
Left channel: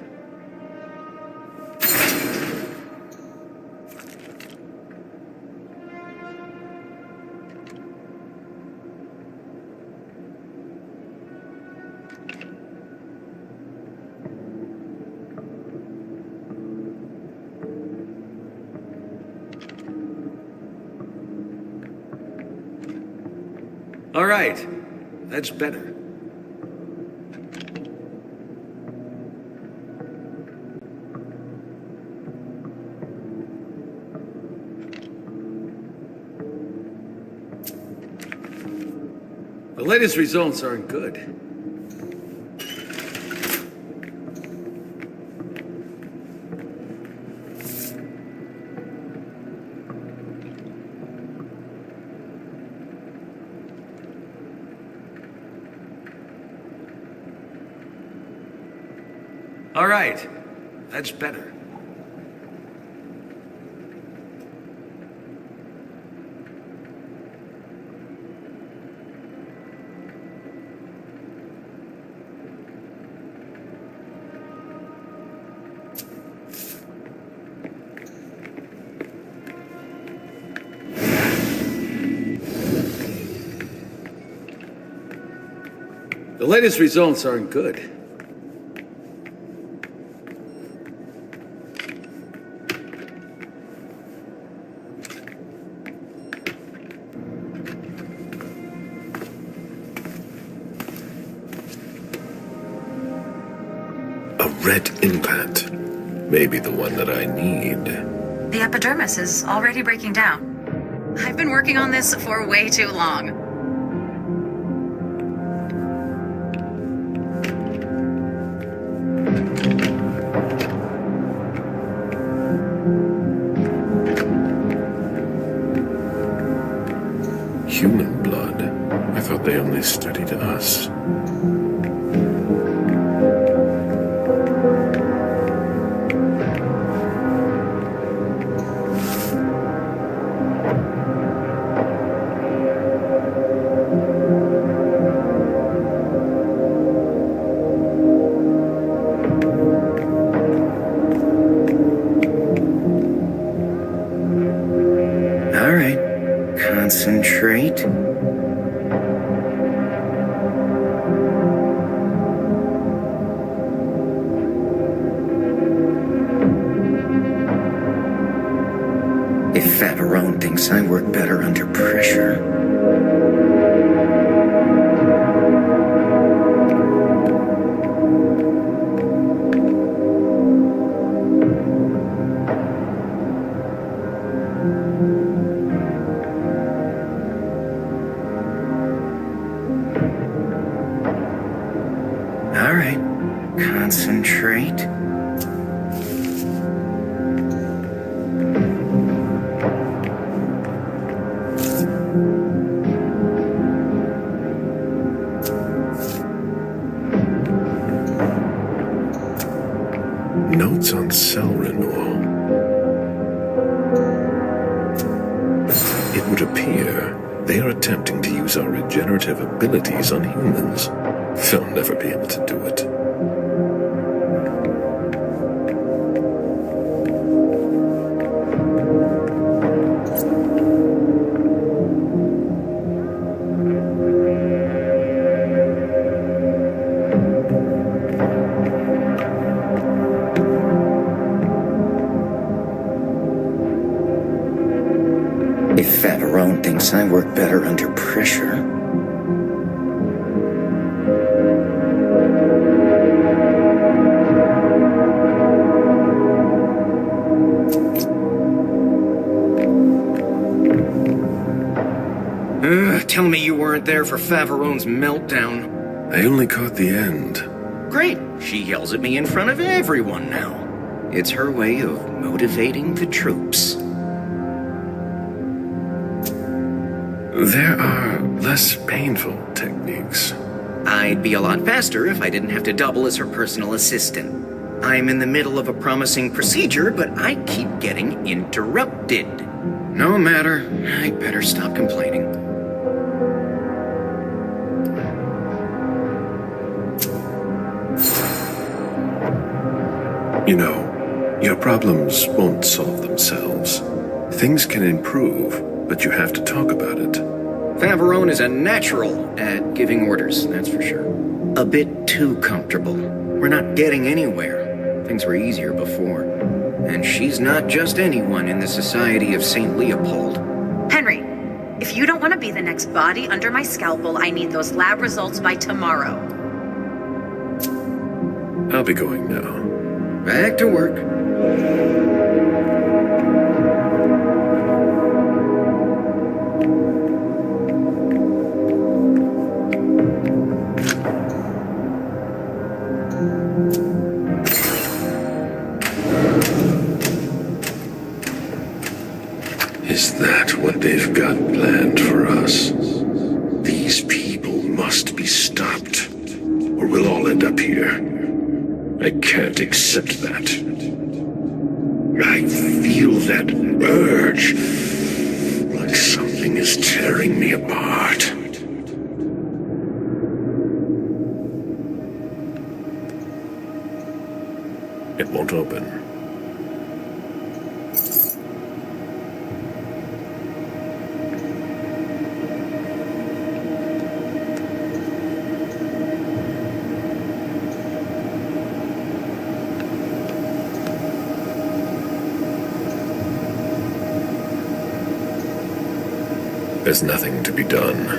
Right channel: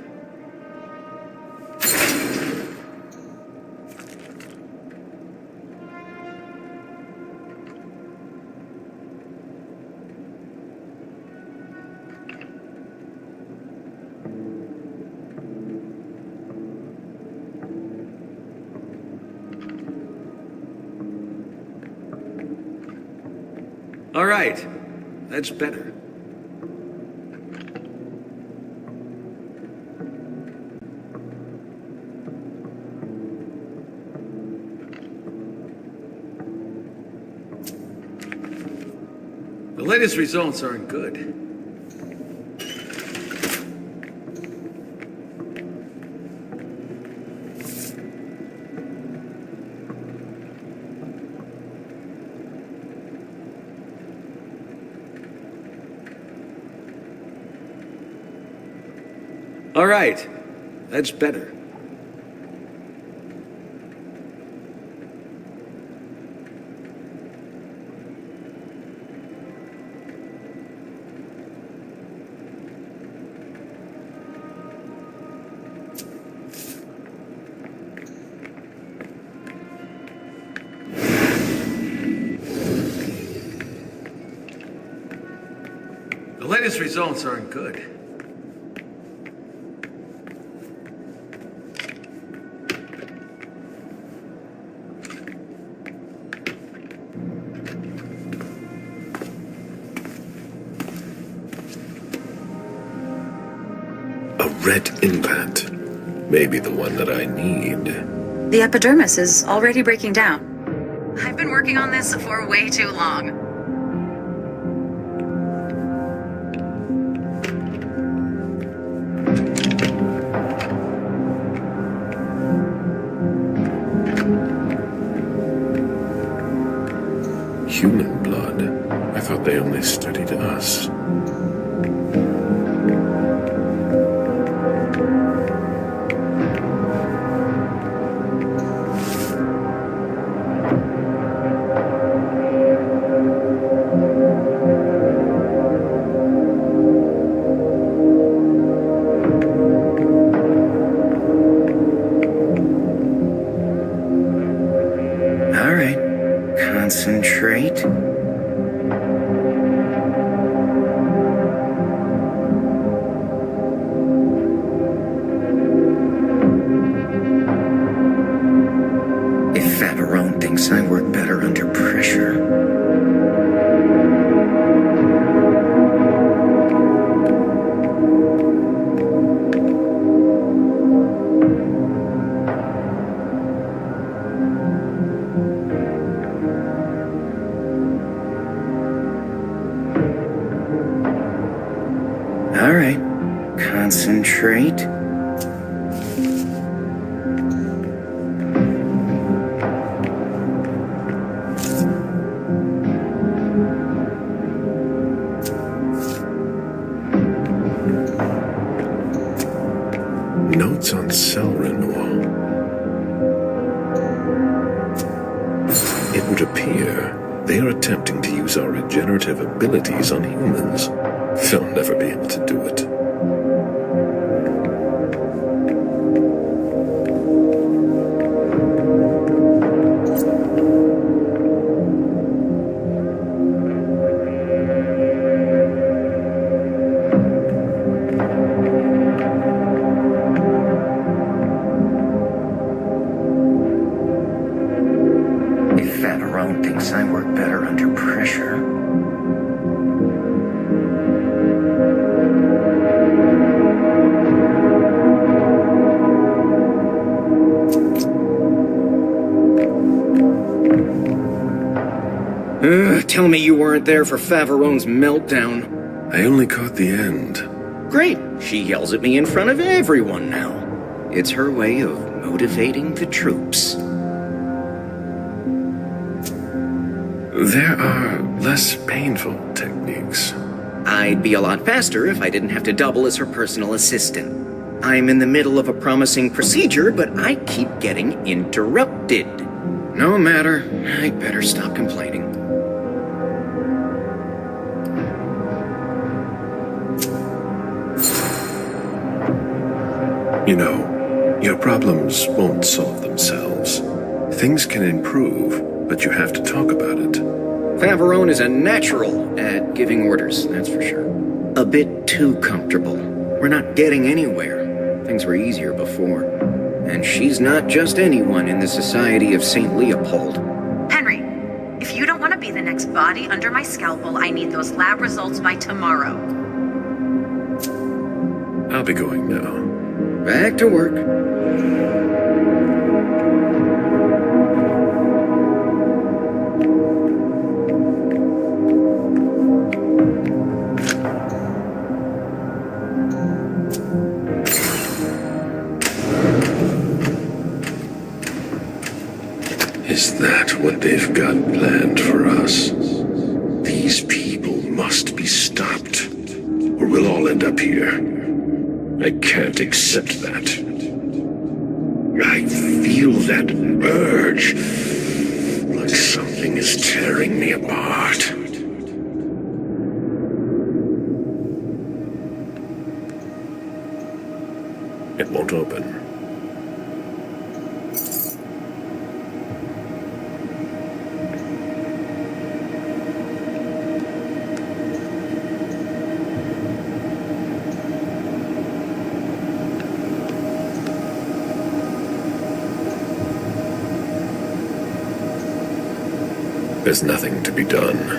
All right, that's better. The latest results aren't good. All right, that's better. The latest results aren't good. A red implant. Maybe the one that I need. The epidermis is already breaking down. I've been working on this for way too long. Human blood? I thought they only studied us. All right. Concentrate. If Favarone thinks I work better under pressure. All right, concentrate. Notes on cell renewal. It would appear they are attempting to use our regenerative abilities on humans. They'll never be able to do it. If Favarone thinks I work better under pressure. Tell me you weren't there for Favarone's meltdown. I only caught the end. Great. She yells at me in front of everyone now. It's her way of motivating the troops. There are less painful techniques. I'd be a lot faster if I didn't have to double as her personal assistant. I'm in the middle of a promising procedure, but I keep getting interrupted. No matter. I better stop complaining. You know, your problems won't solve themselves. Things can improve, but you have to talk about it. Faverone is a natural at giving orders, that's for sure. A bit too comfortable. We're not getting anywhere. Things were easier before. And she's not just anyone in the Society of St. Leopold. Henry, if you don't want to be the next body under my scalpel, I need those lab results by tomorrow. I'll be going now. Back to work. Is that what they've got planned for us? These people must be stopped, or we'll all end up here. I can't accept that. I feel that urge, like something is tearing me apart. It won't open. There's nothing to be done.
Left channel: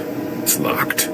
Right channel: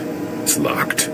It's locked.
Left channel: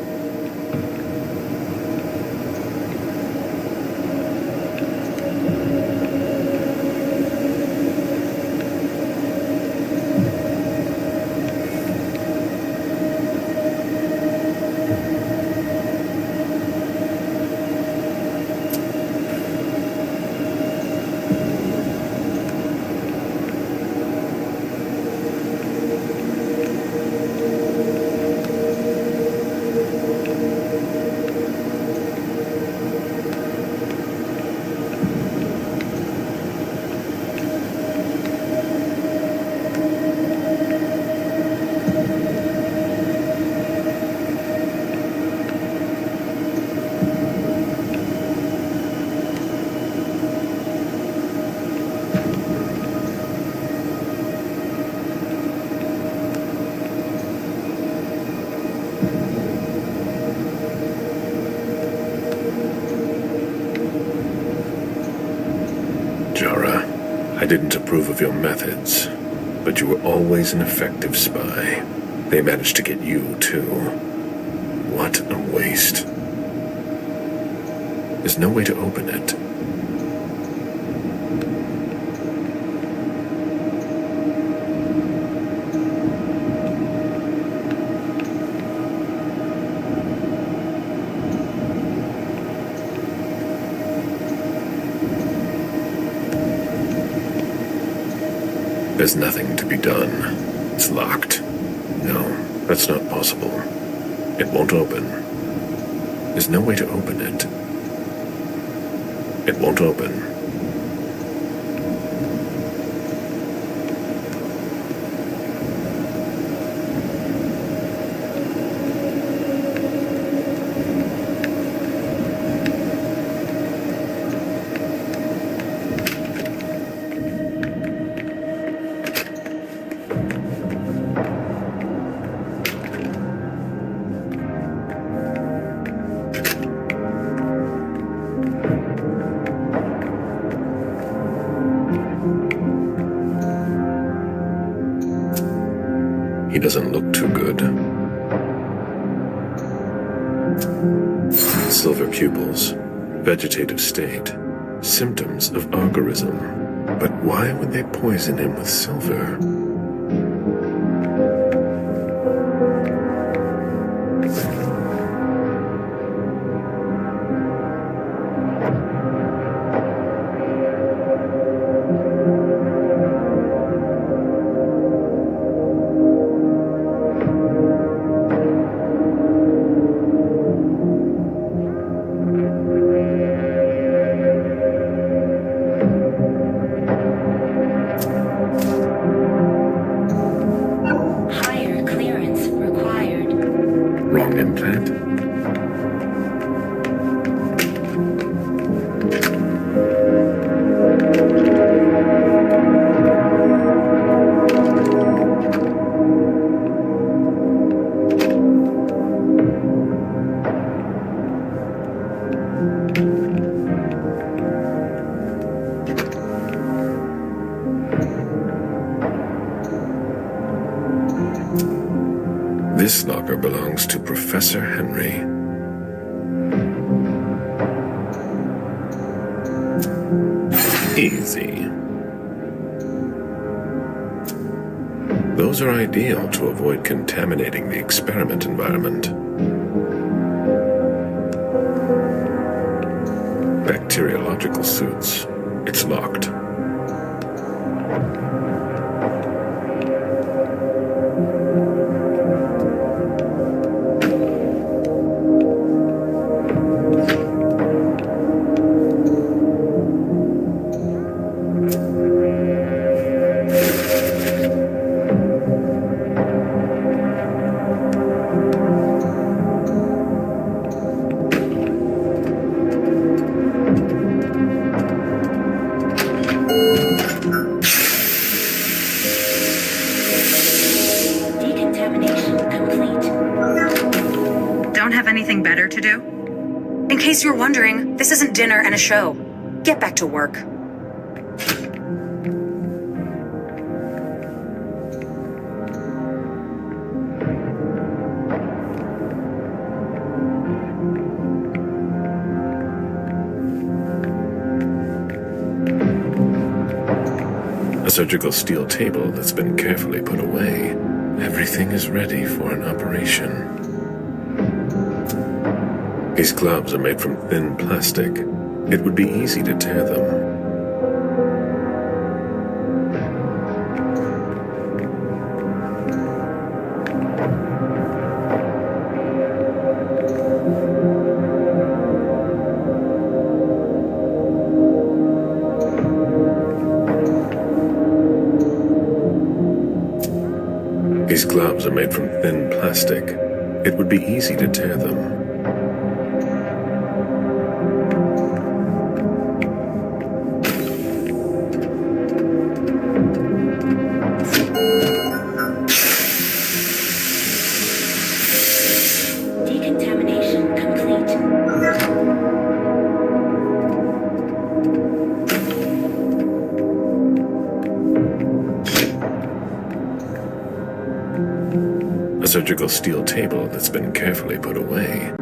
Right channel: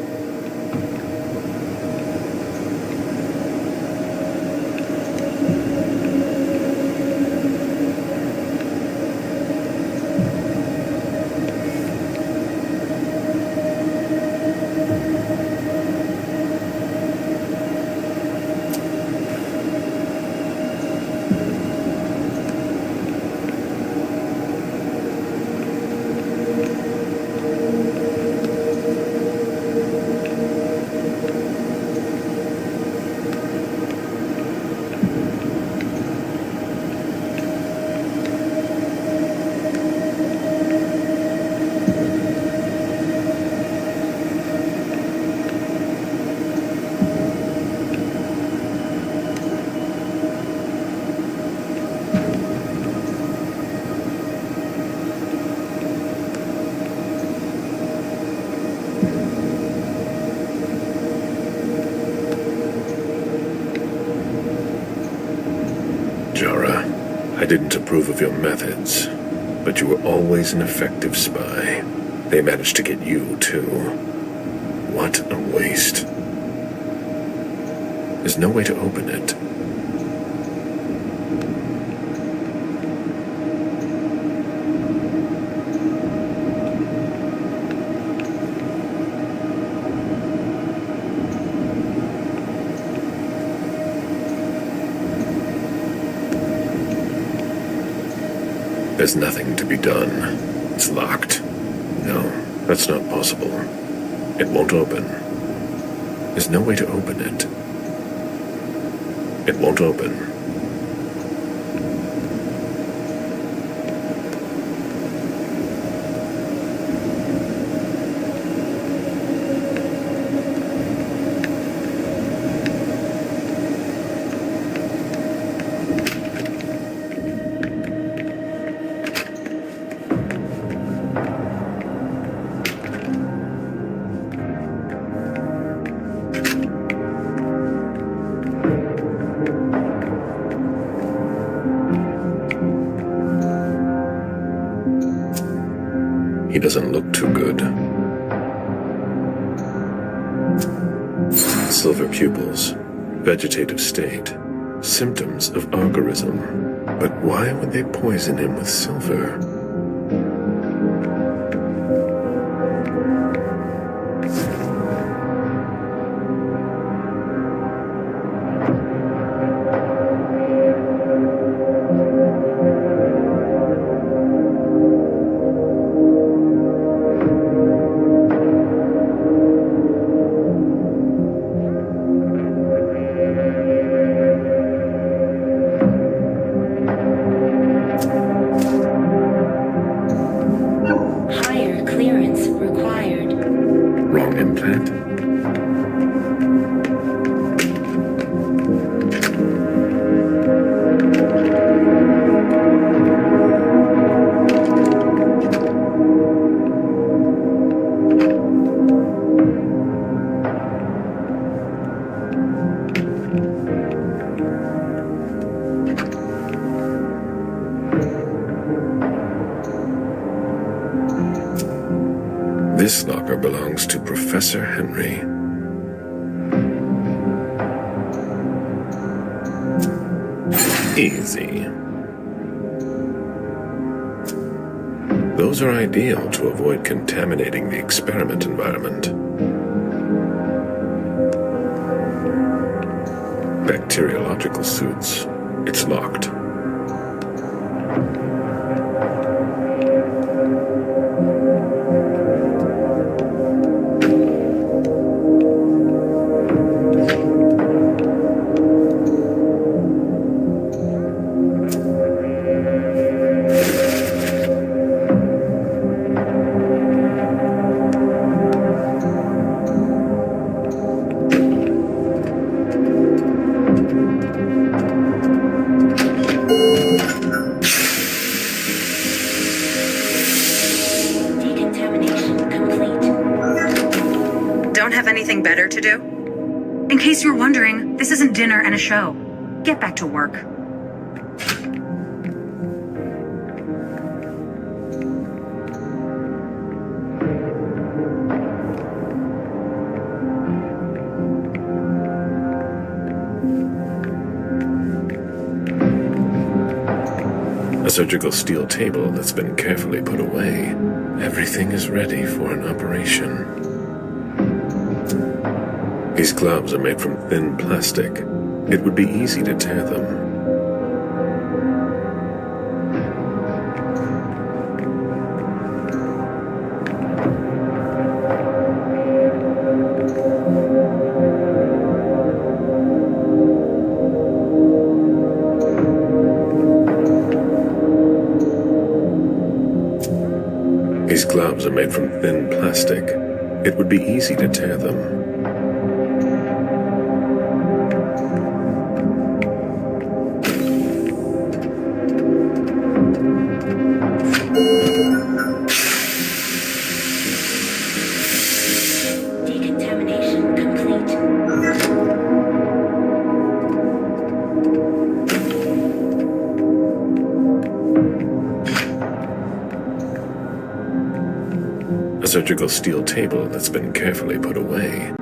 Jara, I didn't approve of your methods, but you were always an effective spy. They managed to get you, too. What a waste. There's no way to open it. There's nothing to be done. It's locked. No, that's not possible. It won't open. There's no way to open it. It won't open. He doesn't look too good. Silver pupils, vegetative state, symptoms of argorism. But why would they poison him with silver? This locker belongs to Professor Henry. Easy. Those are ideal to avoid contaminating the experiment environment. Bacteriological suits. It's locked. Anything better to do? In case you're wondering, this isn't dinner and a show. Get back to work. A surgical steel table that's been carefully put away. Everything is ready for an operation. These gloves are made from thin plastic. It would be easy to tear them. These gloves are made from thin plastic. It would be easy to tear them. A surgical steel table that's been carefully put away.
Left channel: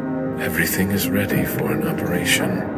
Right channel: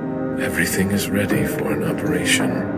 Everything is ready for an operation.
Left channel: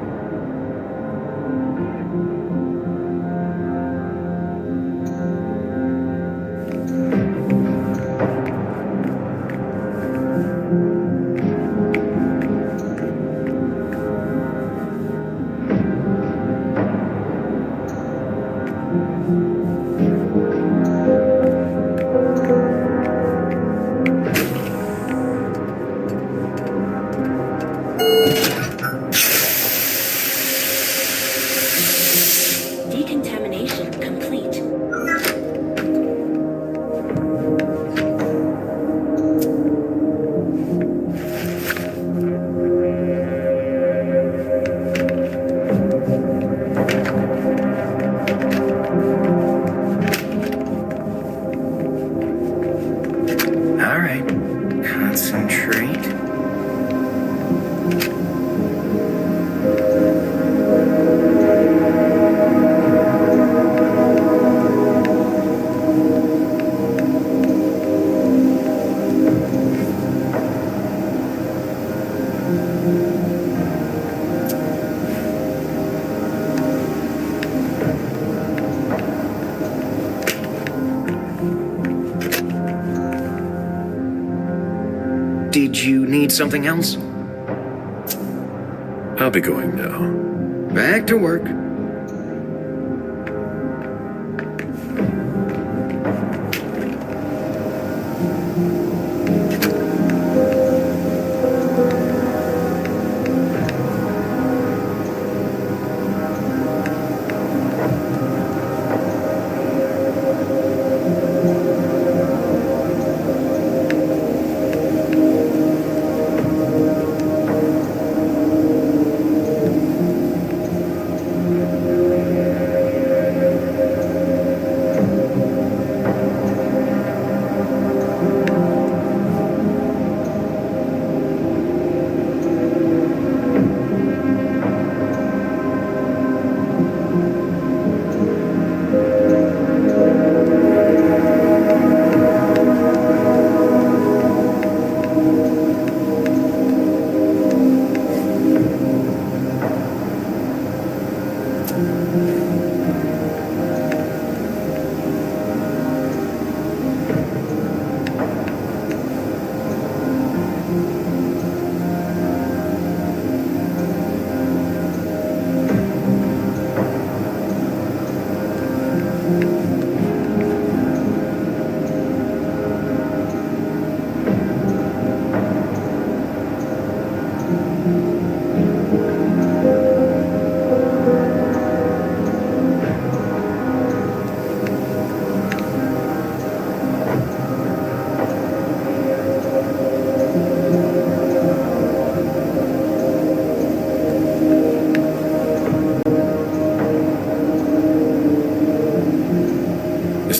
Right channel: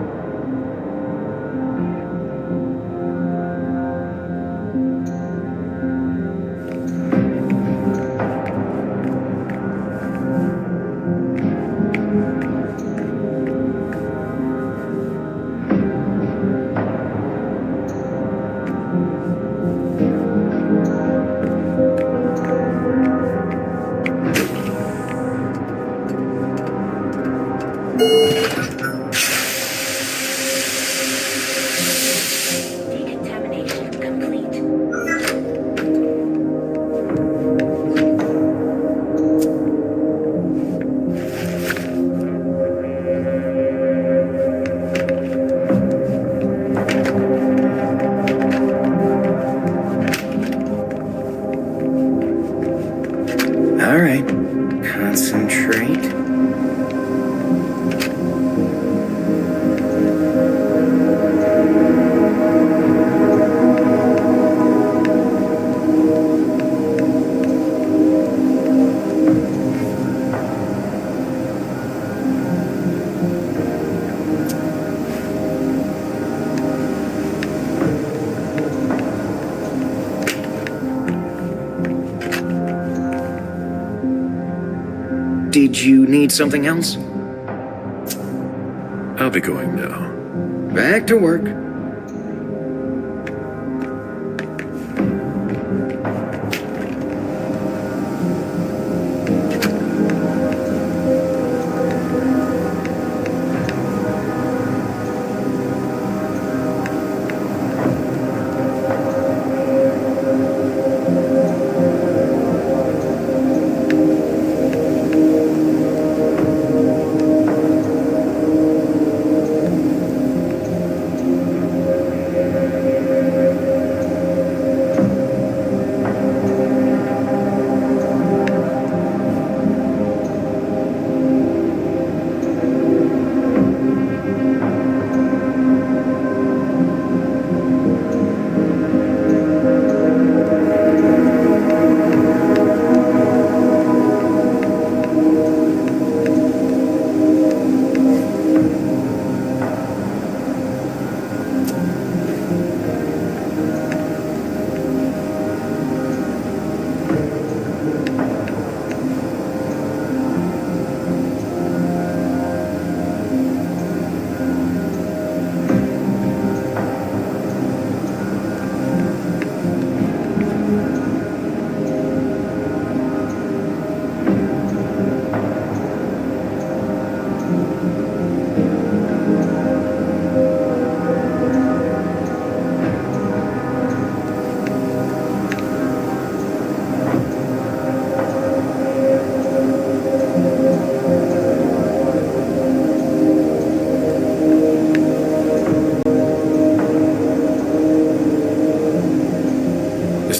All right, concentrate. Did you need something else? I'll be going now. Back to work.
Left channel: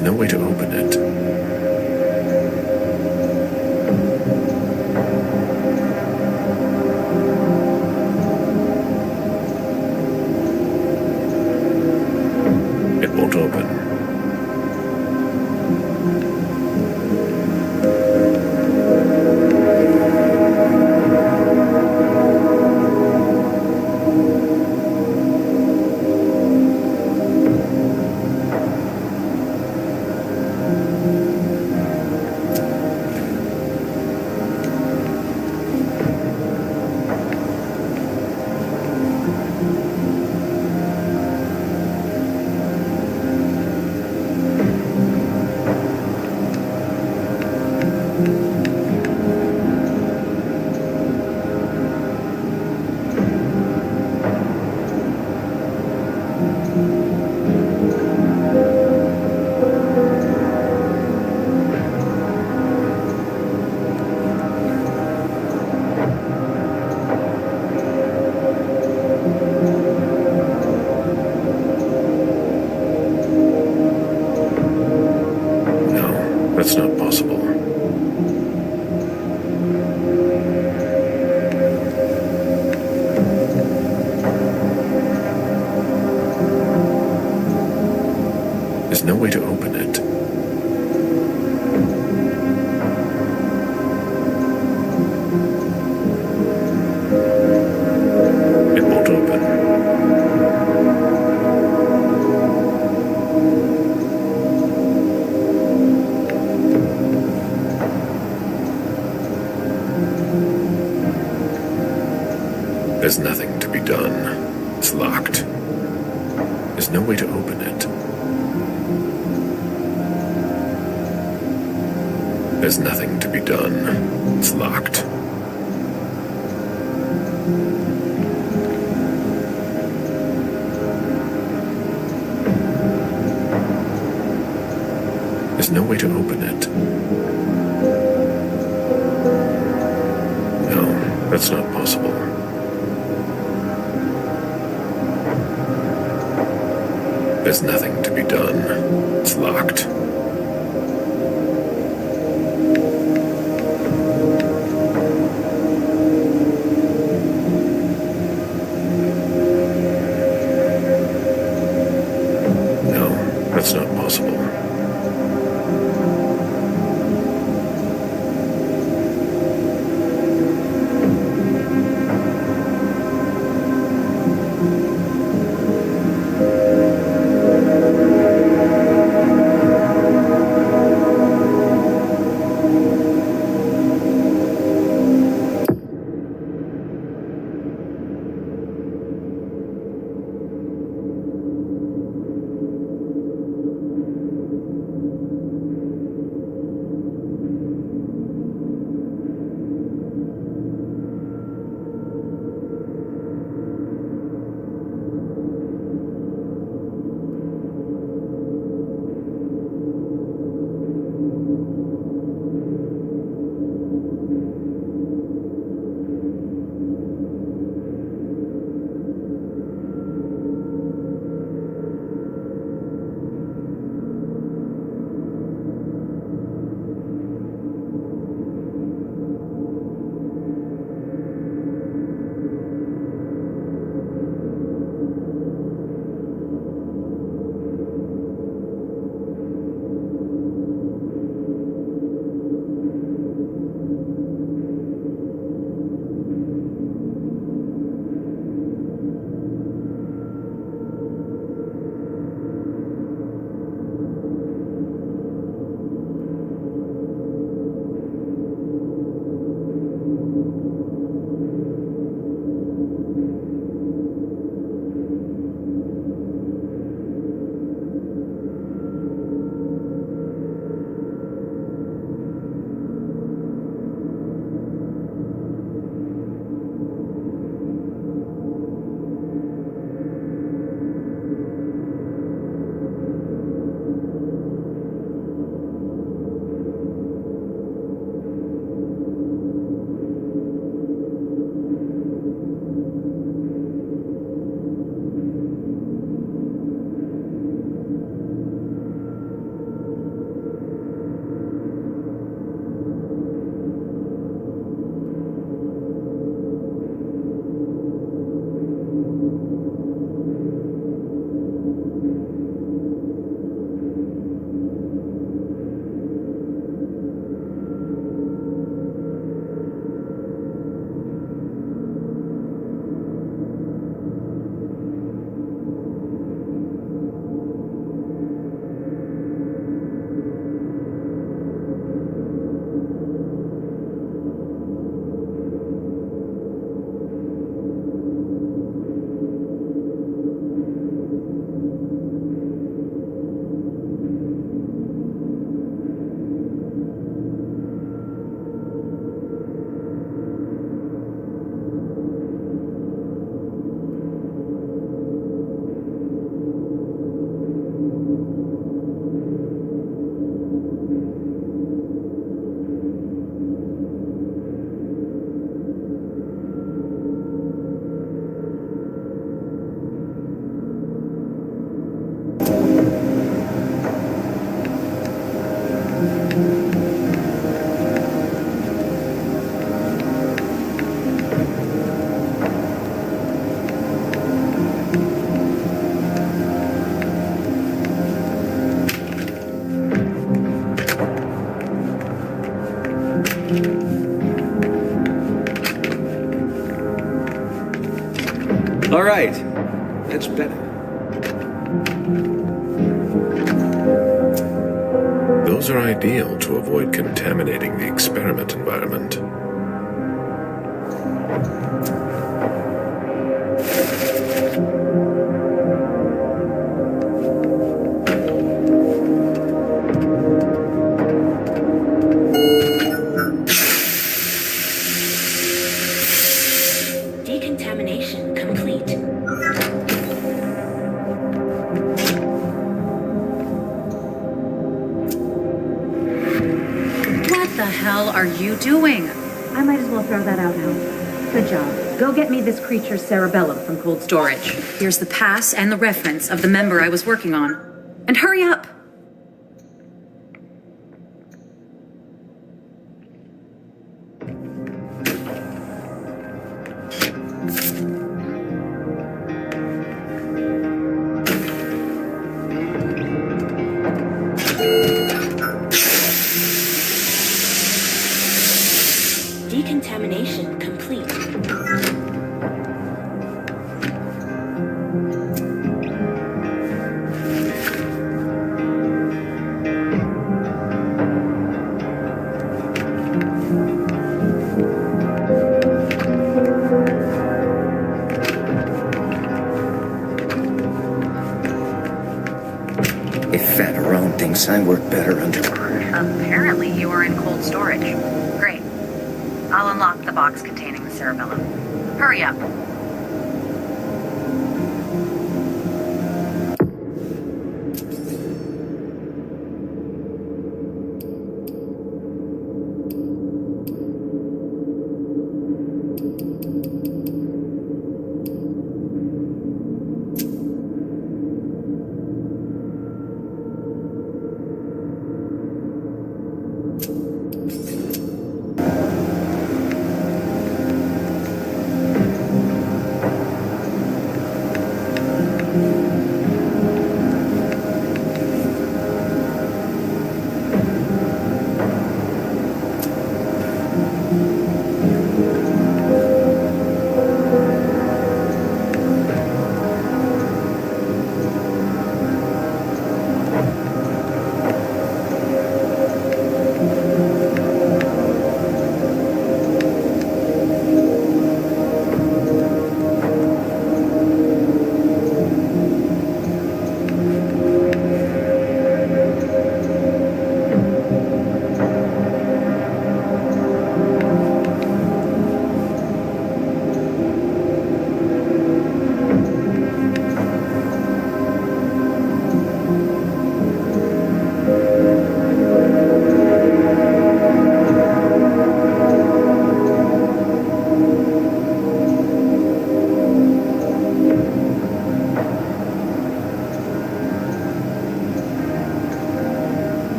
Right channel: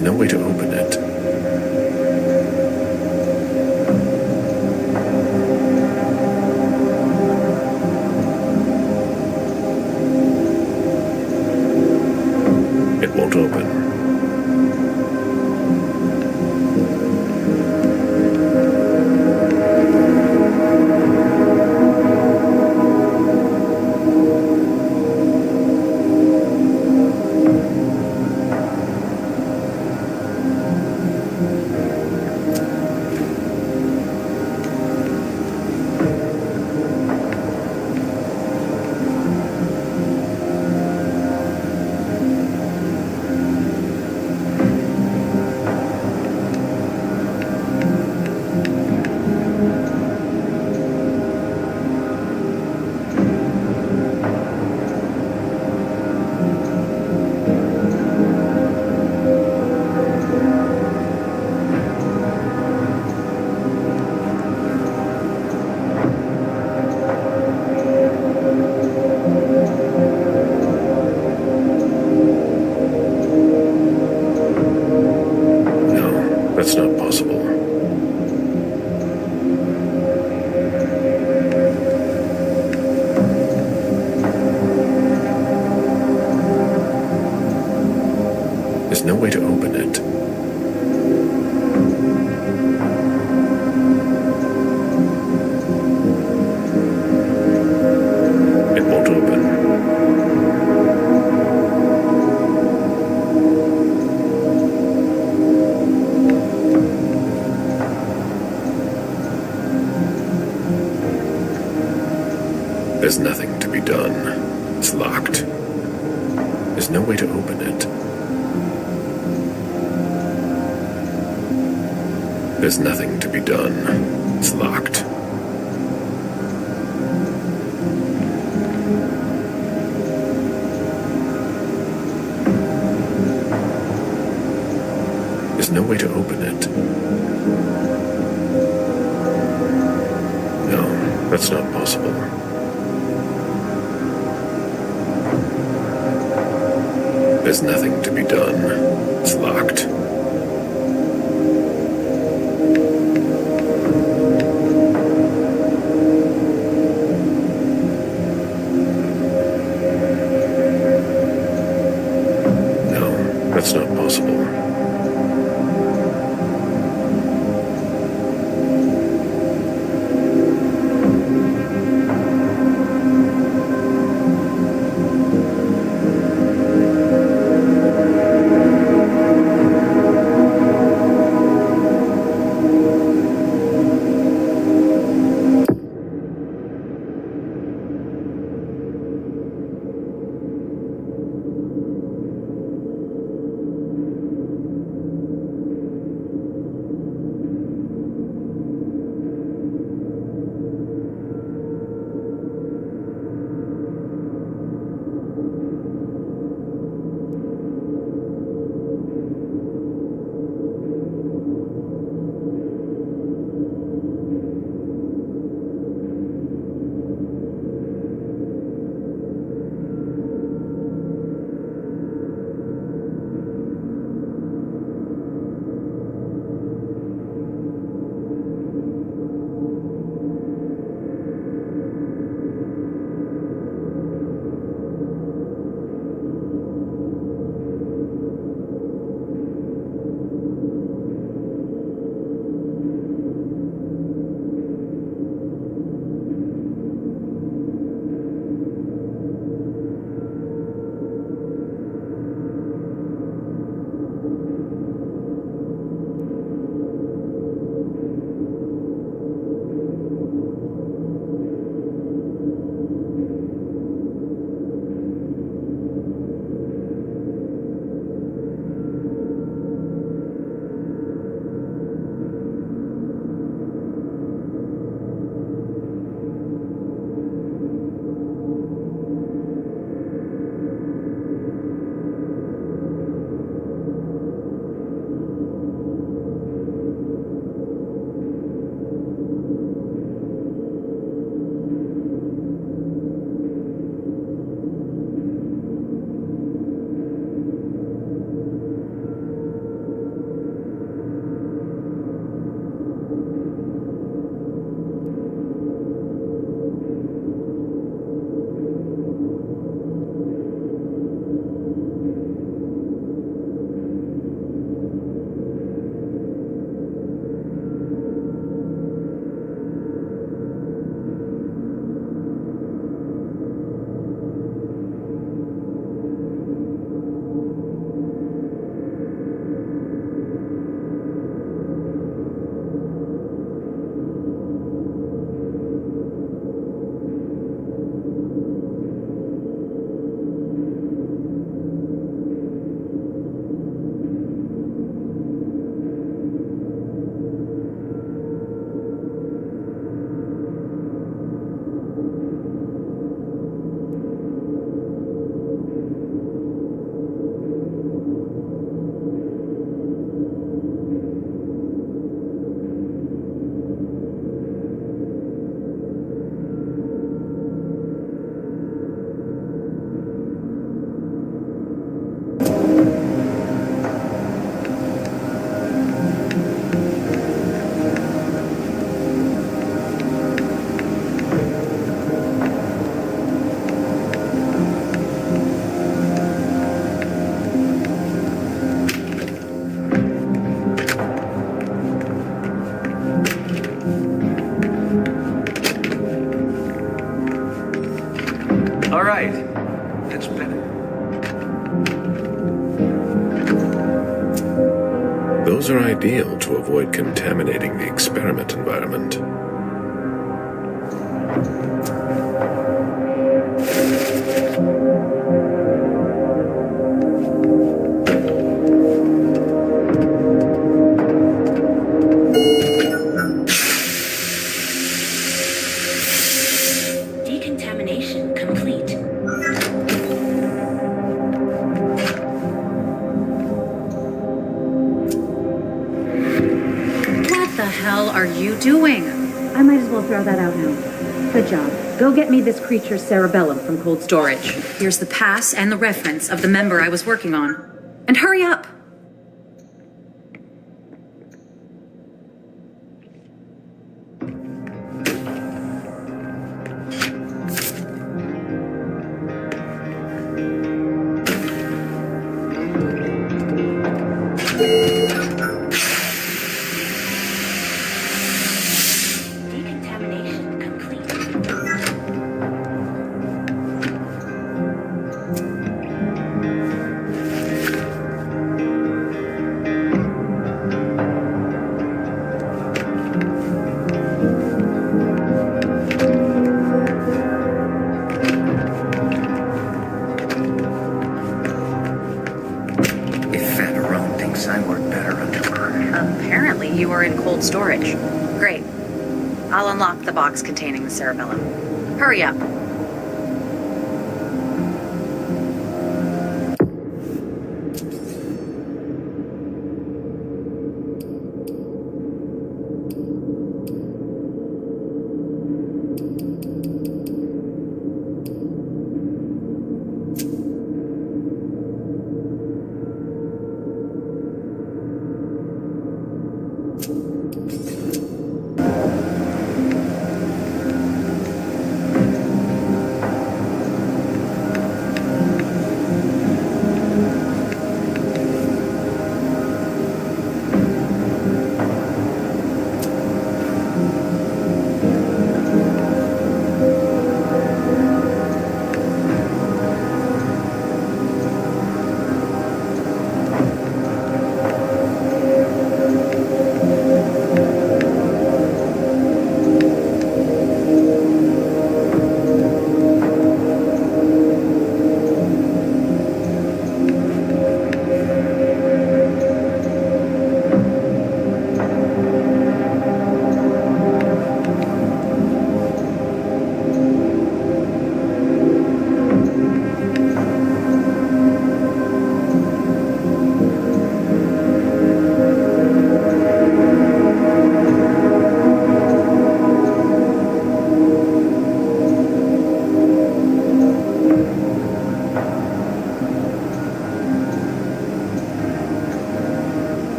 There's no way to open it. It won't open. That's not possible. There's no way to open it. It won't open. There's nothing to be done. It's locked. There's no way to open it. There's nothing to be done. It's locked. There's no way to open it. No, that's not possible. There's nothing to be done. It's locked. No, that's not possible. right. That's better. Those are ideal to avoid contaminating the experiment environment. Decontamination complete. What the hell are you doing? I might as well throw that out now. Good job. Go get me this creature's cerebellum from cold storage. Here's the pass and the reference of the member I was working on. And hurry up! Decontamination complete. If Favarone thinks I work better under... Apparently you are in cold storage. Great. I'll unlock the box containing the cerebellum. Hurry up.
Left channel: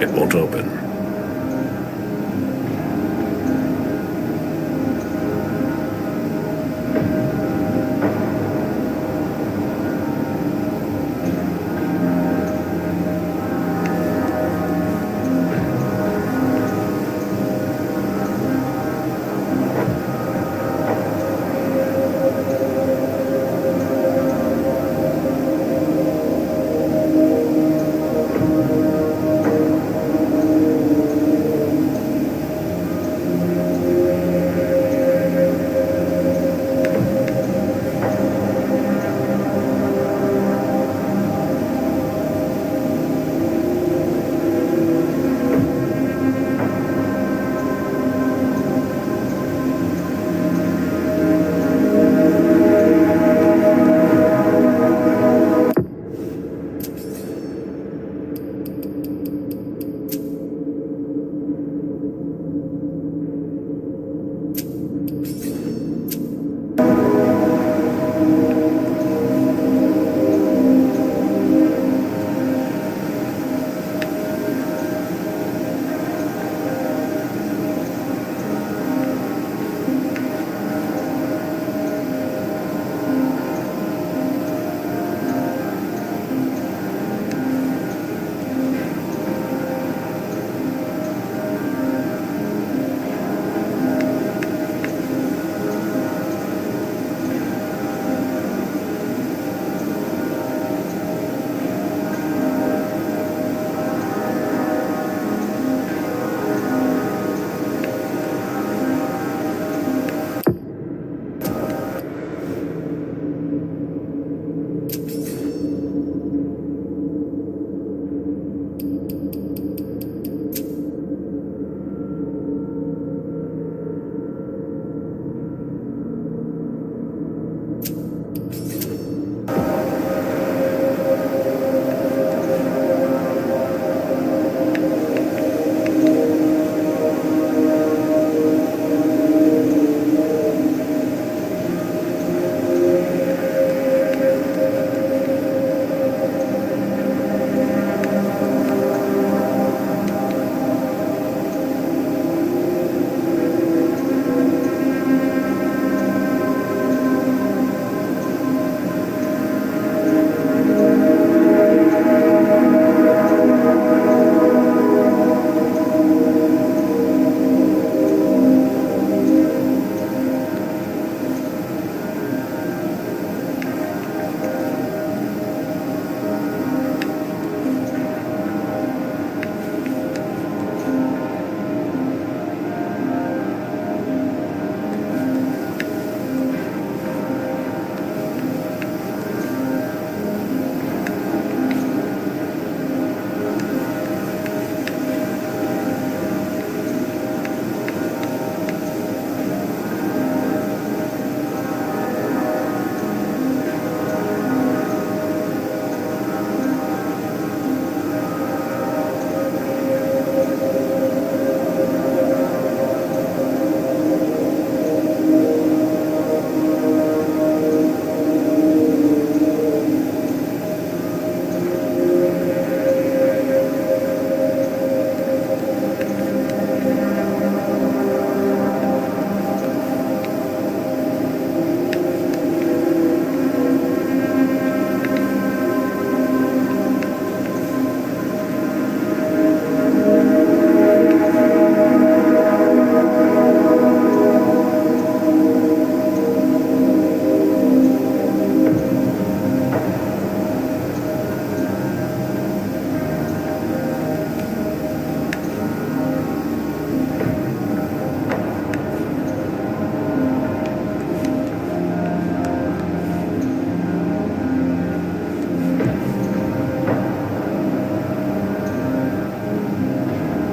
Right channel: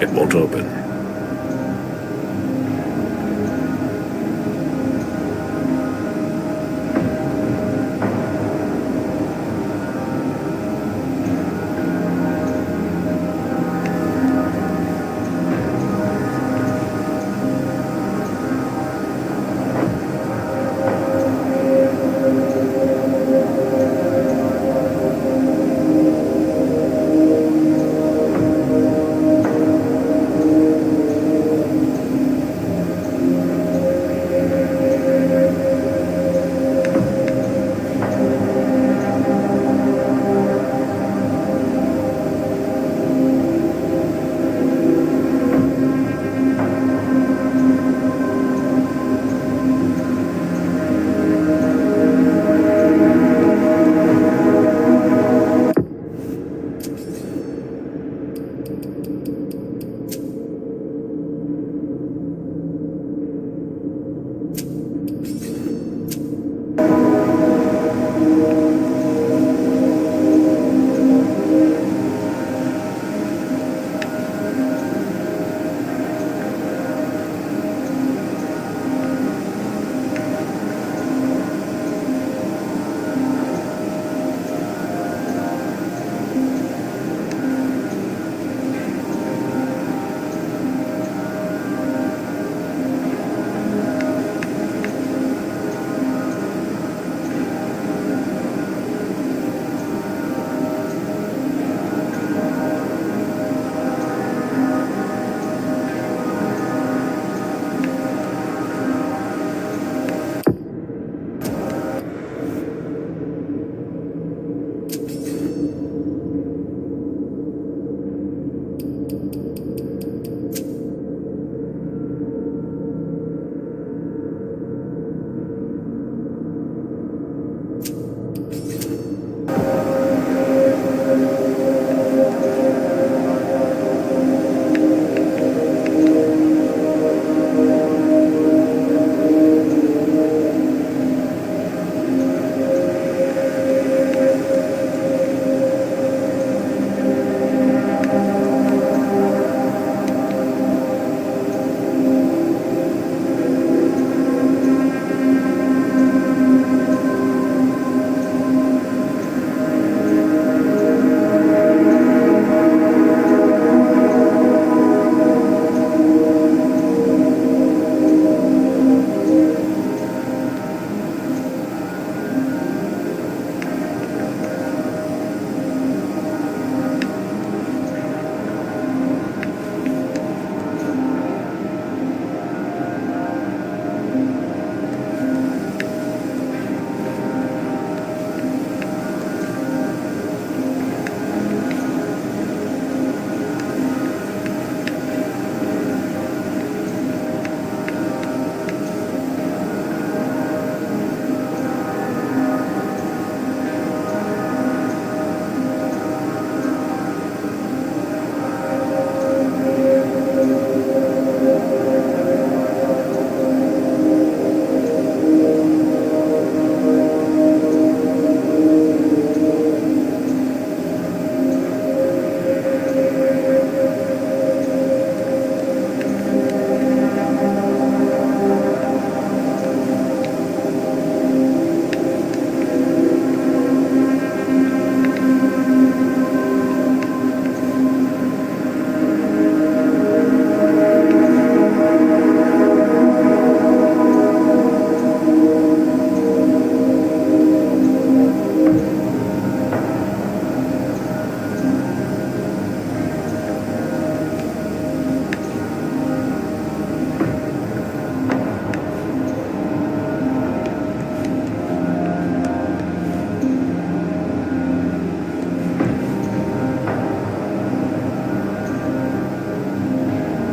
It won't open.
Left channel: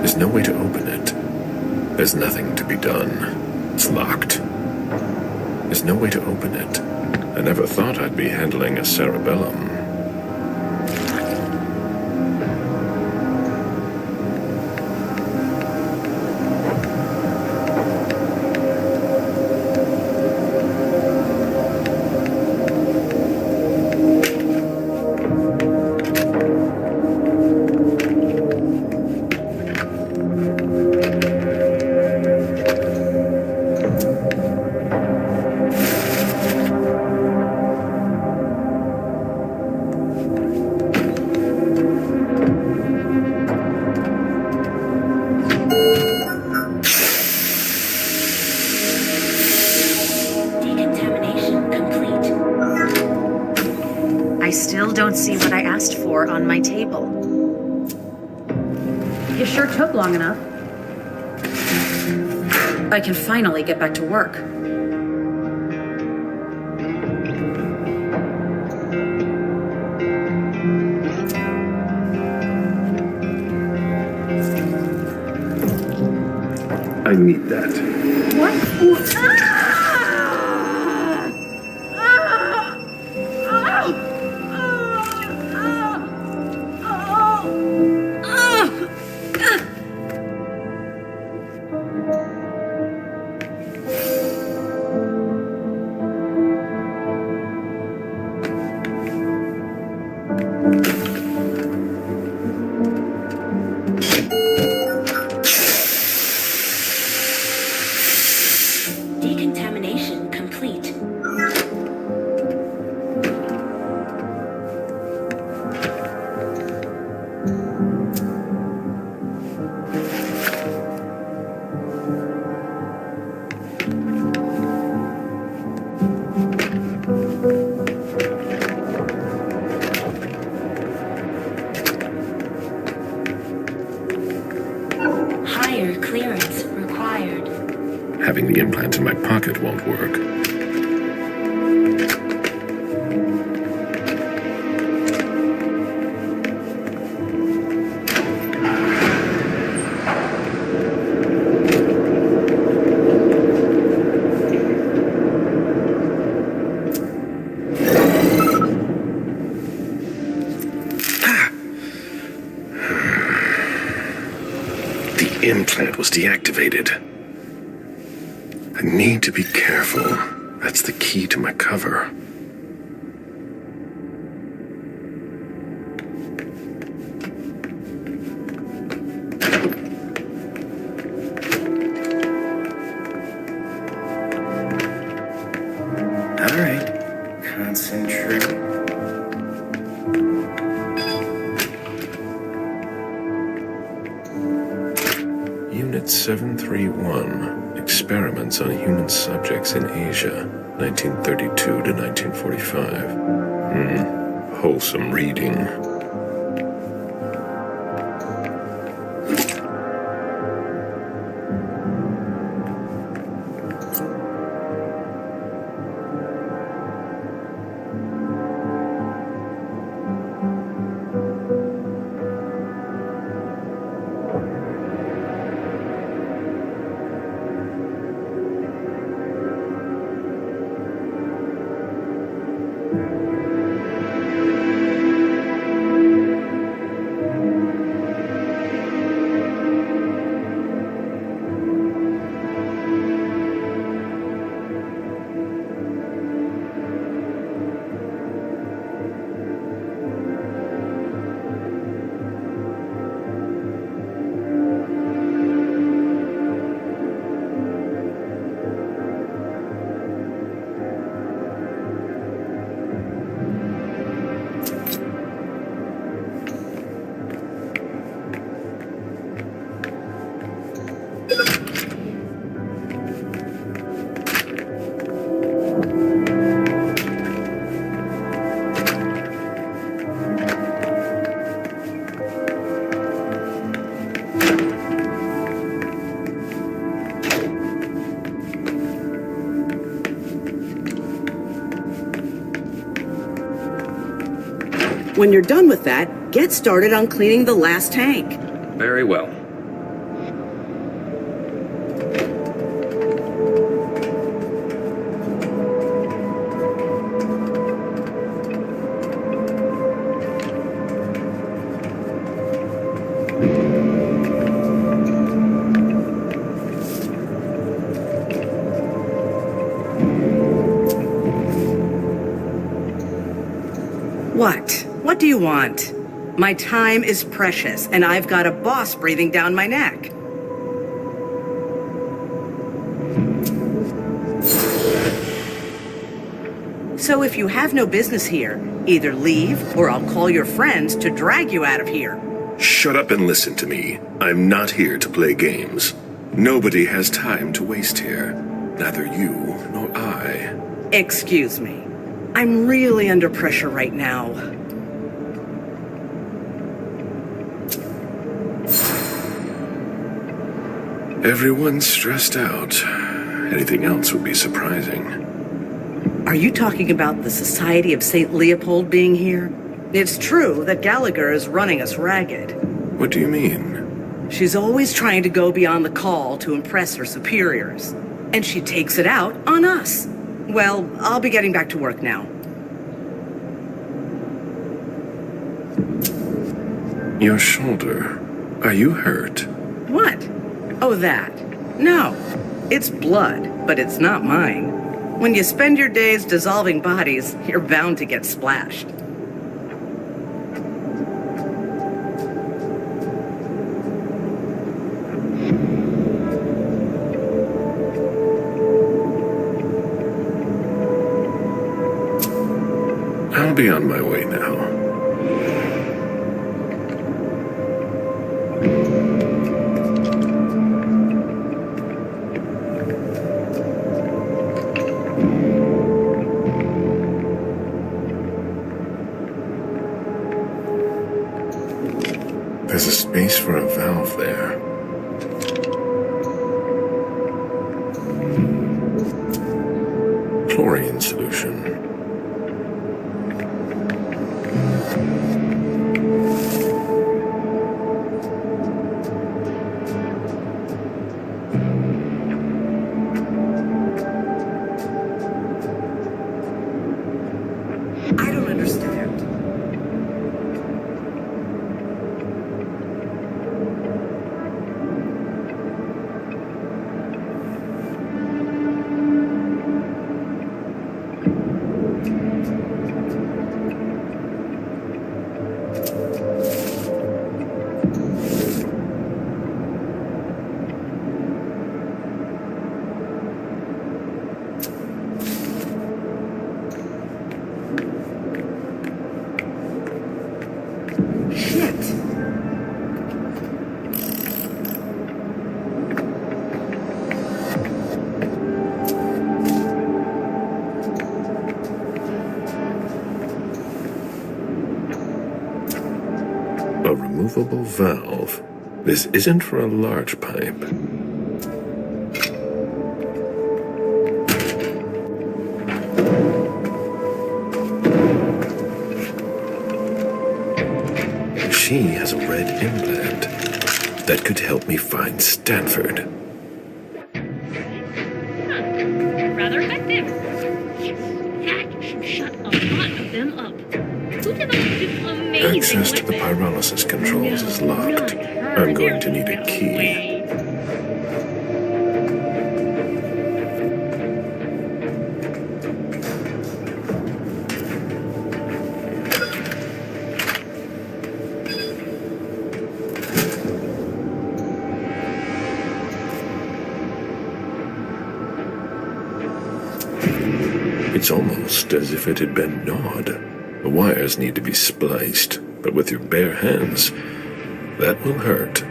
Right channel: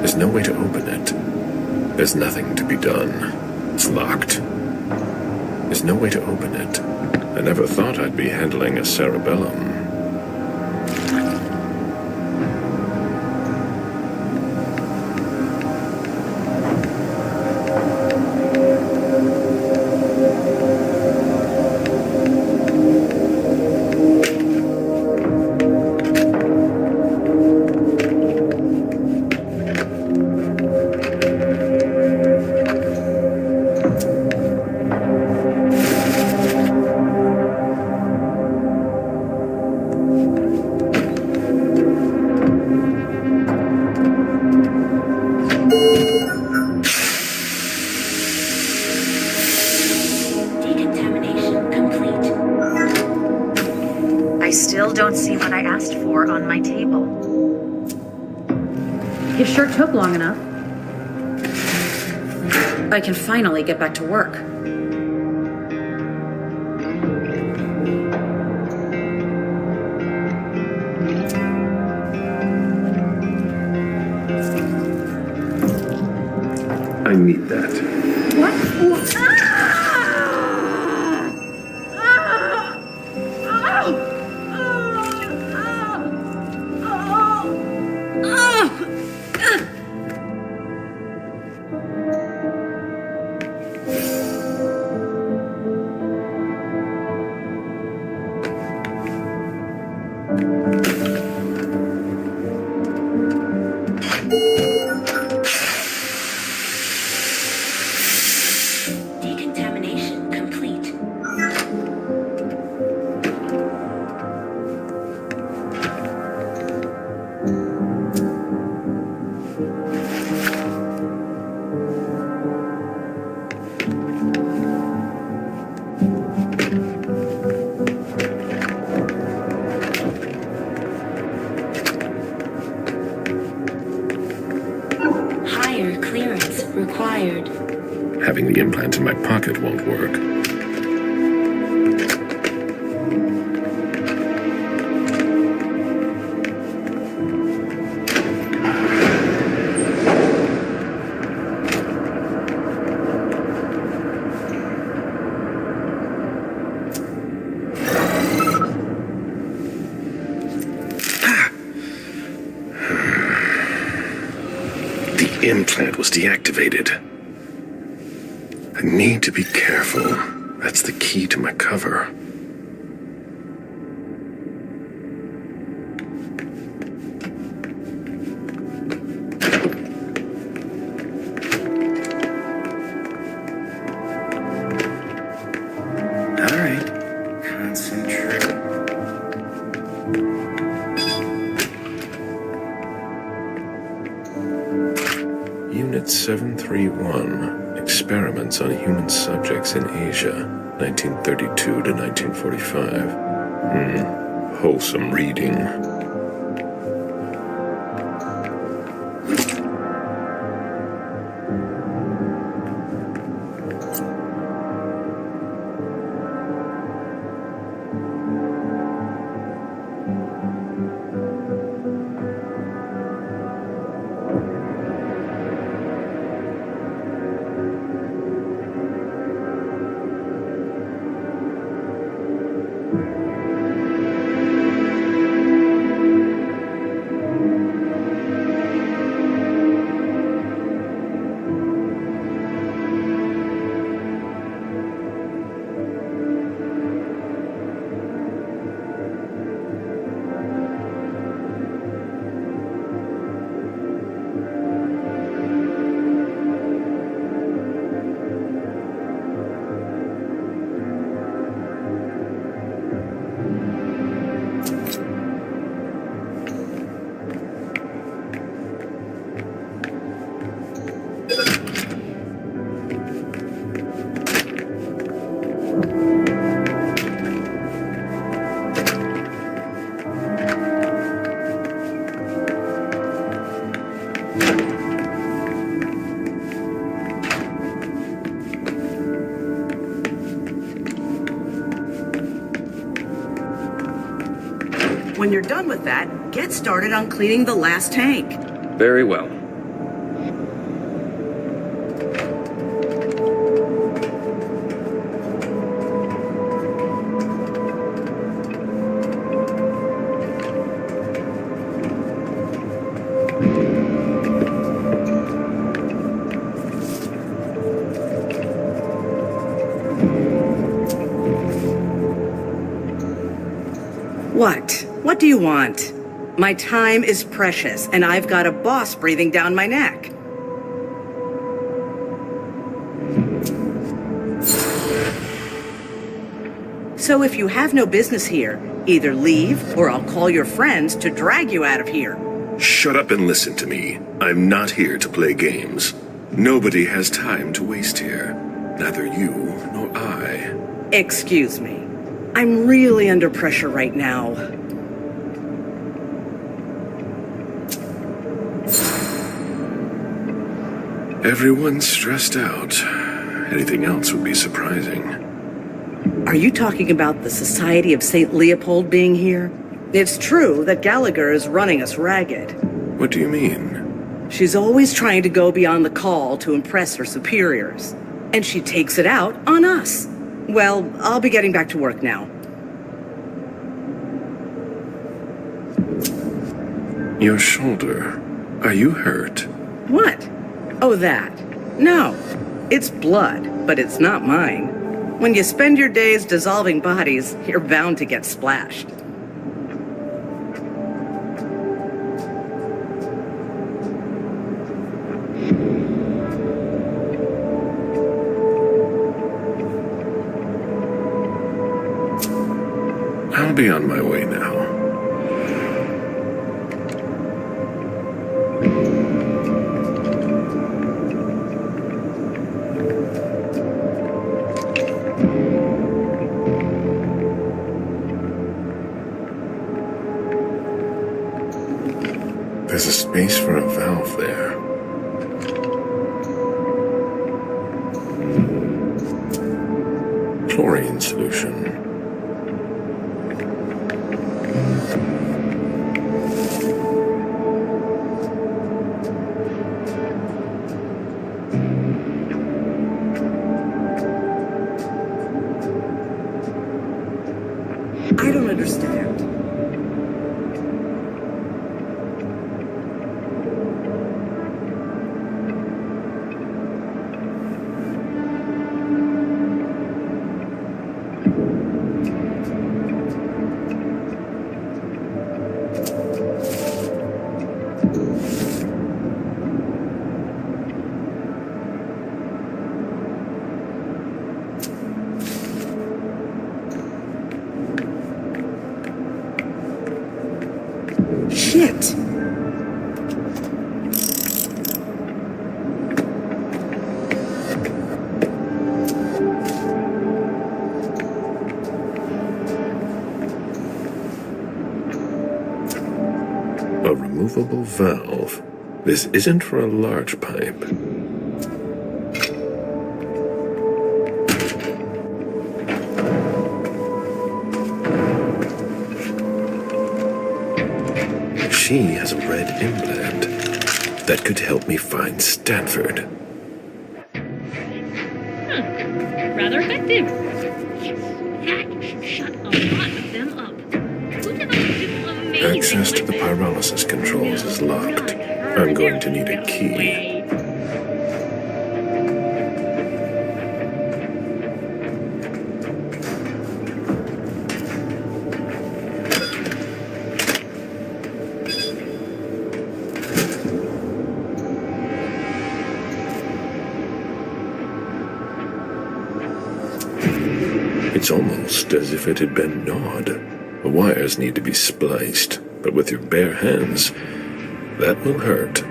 There's no way to open it. There's nothing to be done. It's locked. There's no way to open it. I never thought I'd be handling a cerebellum. I still don't see what I asked for on my table. You sure took long enough. I can finally get back to work. I need that. What? Decontamination complete. Higher clearance required. Having the implant in my pocket won't work. The implant was deactivated. I need to be careful. That's the key to my cover. All right. Concentrate. Unit 731. Experiments on human subjects in Asia, 1932 to 1945. Wholesome reading. When you're done with that, get started on cleaning the last tank. Very well. What? What do you want? My time is precious, and I've got a boss breathing down my neck. So if you have no business here, either leave or I'll call your friends to drag you out of here. Shut up and listen to me. I'm not here to play games. Nobody has time to waste here. Neither you nor I. Excuse me. I'm really under pressure right now. Everyone's stressed out. Anything else would be surprising. Are you talking about the Society of St. Leopold being here? It's true that Gallagher is running us ragged. What do you mean? She's always trying to go beyond the call to impress her superiors. And she takes it out on us. Well, I'll be getting back to work now. Your shoulder. Are you hurt? What? Oh, that. No. It's blood, but it's not mine. When you spend your days dissolving bodies, you're bound to get splashed. I'll be on my way now. There's a space for a valve there. Chlorine solution. I don't understand. Shit. A removable valve. This isn't for a large pipe. She has a red implant that could help me find Stanford. Rather effective. Yes, that should shut a lot of them up. Who developed this amazing Access to the weapon? pyrolysis controls is locked. I'm going to need a key. It's almost as if it had been gnawed. The wires need to be spliced, but with your bare hands, that will hurt.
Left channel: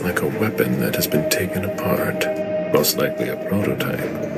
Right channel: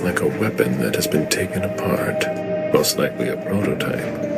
looks like a weapon that has been taken apart. Most likely a prototype.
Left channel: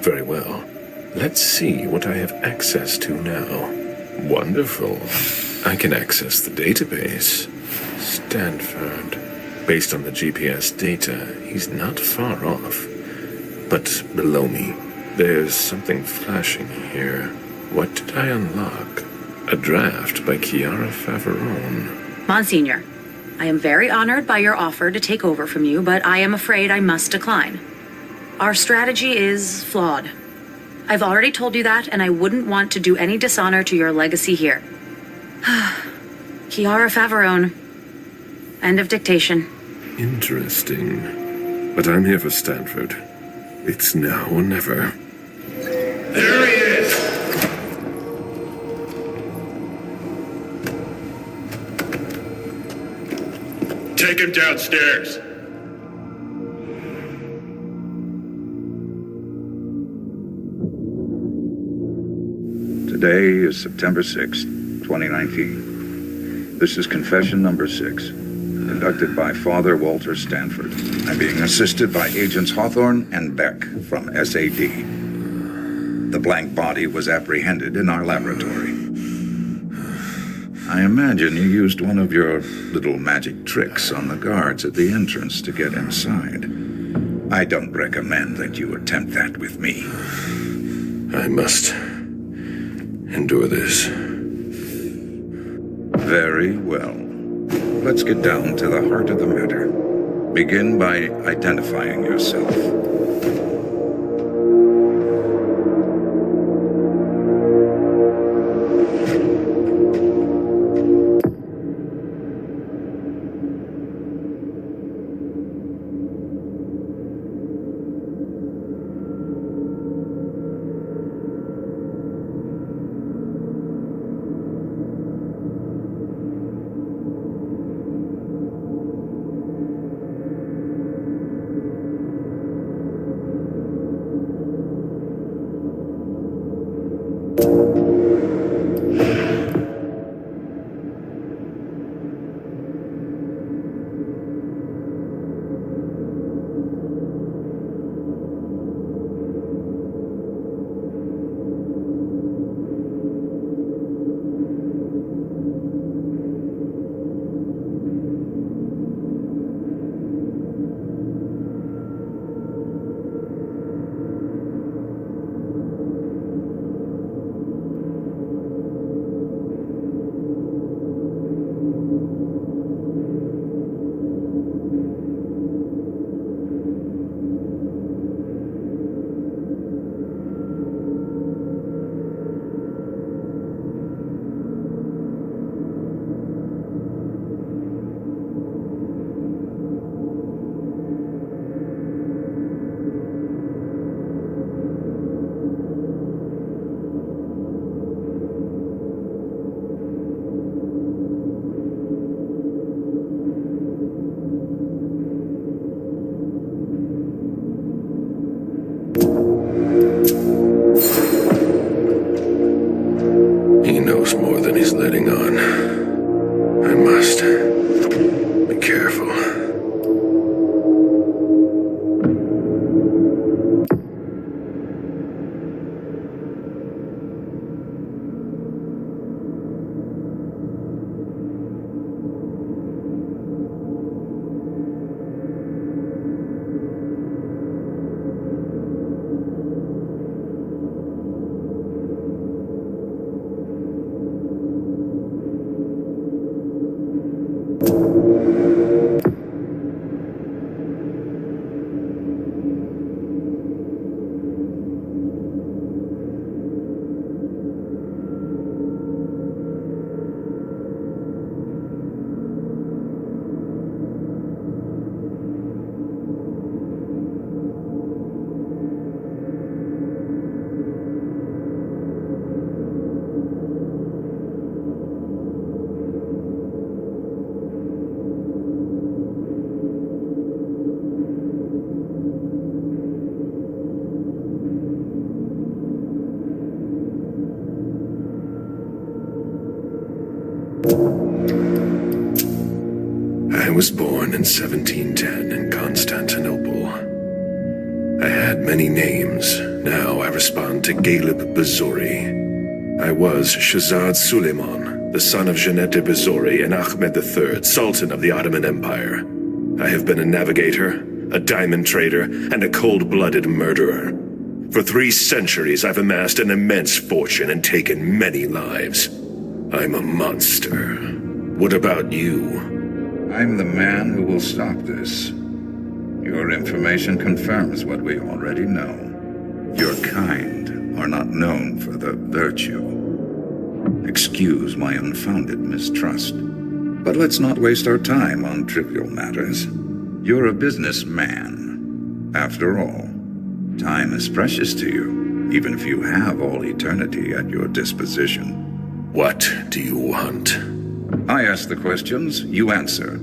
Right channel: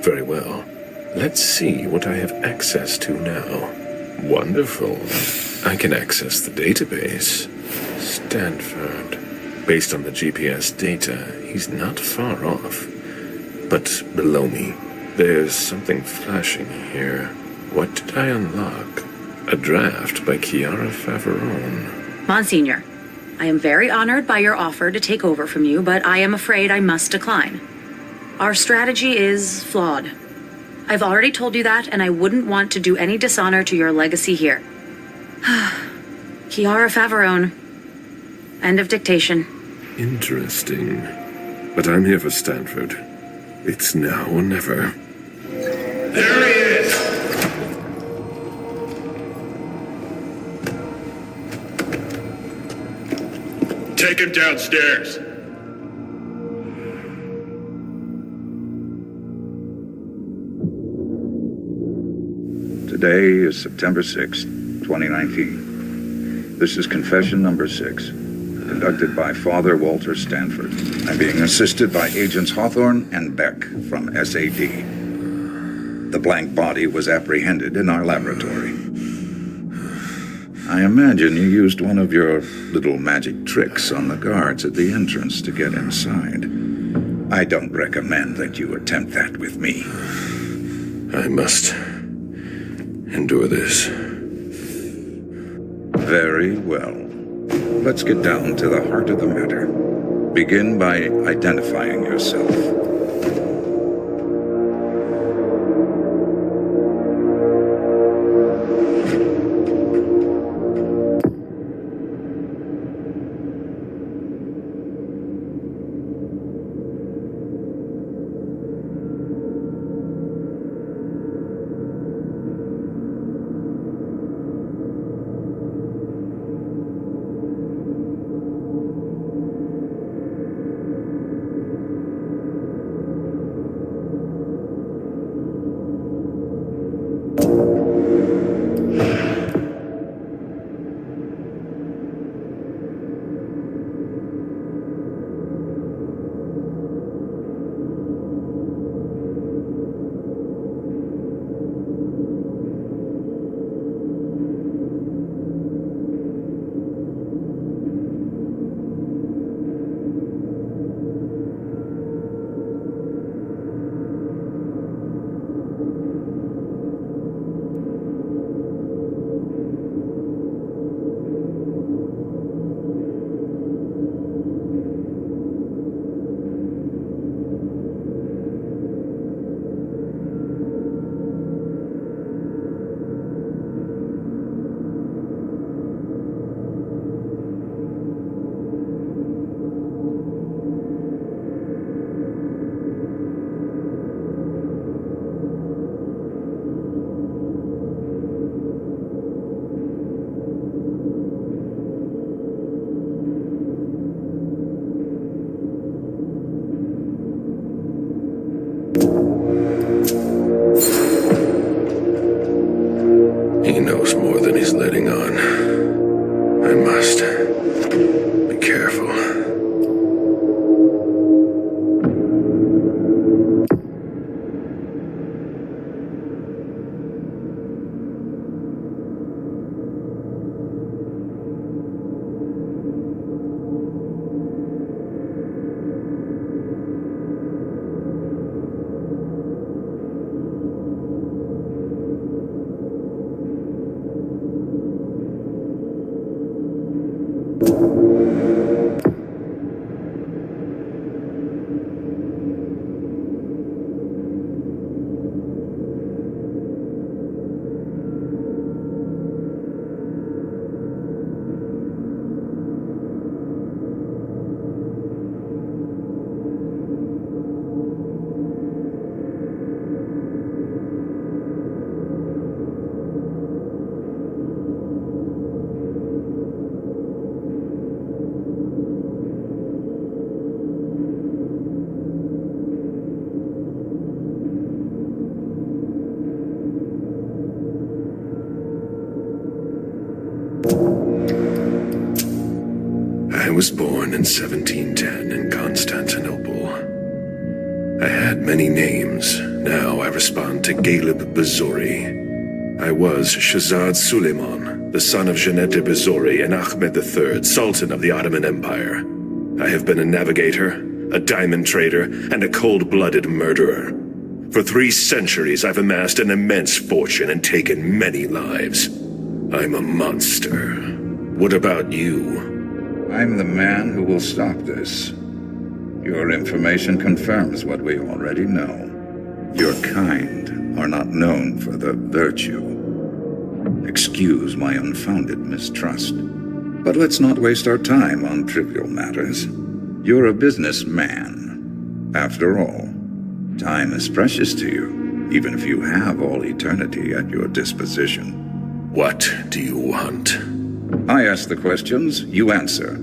Very well. Let's see what I have access to now. Wonderful. I can access the database. Stanford. Based on the GPS data, he's not far off. But below me, there's something flashing here. What did I unlock? A draft by Chiara Faverone. Monsignor, I am very honored by your offer to take over from you, but I am afraid I must decline. Our strategy is flawed. I've already told you that, and I wouldn't want to do any dishonor to your legacy here. Chiara Faverone. End of dictation. Interesting. But I'm here for Stanford. It's now or never. There he is! Take him downstairs. Today is September 6th, 2019. This is confession number 6, conducted by Father Walter Stanford. I'm being assisted by Agents Hawthorne and Beck from SAD. The blank body was apprehended in our laboratory. I imagine you used one of your little magic tricks on the guards at the entrance to get inside. I don't recommend that you attempt that with me. I must endure this. Very well. Let's get down to the heart of the matter. Begin by identifying yourself. He knows more than he's letting on. I must be careful. I was born in 1710 in Constantinople. I had many names. Now I respond to Galib Bazori. I was Shahzad Suleiman, the son of Jeanette Bazori and Ahmed III, Sultan of the Ottoman Empire. I have been a navigator, a diamond trader, and a cold-blooded murderer. For 3 centuries, I've amassed an immense fortune and taken many lives. I'm a monster. What about you? I'm the man who will stop this. Your information confirms what we already know. Your kind are not known for the virtue. Excuse my unfounded mistrust. But let's not waste our time on trivial matters. You're a businessman. After all, time is precious to you, even if you have all eternity at your disposition. What do you want? I ask the questions, you answer.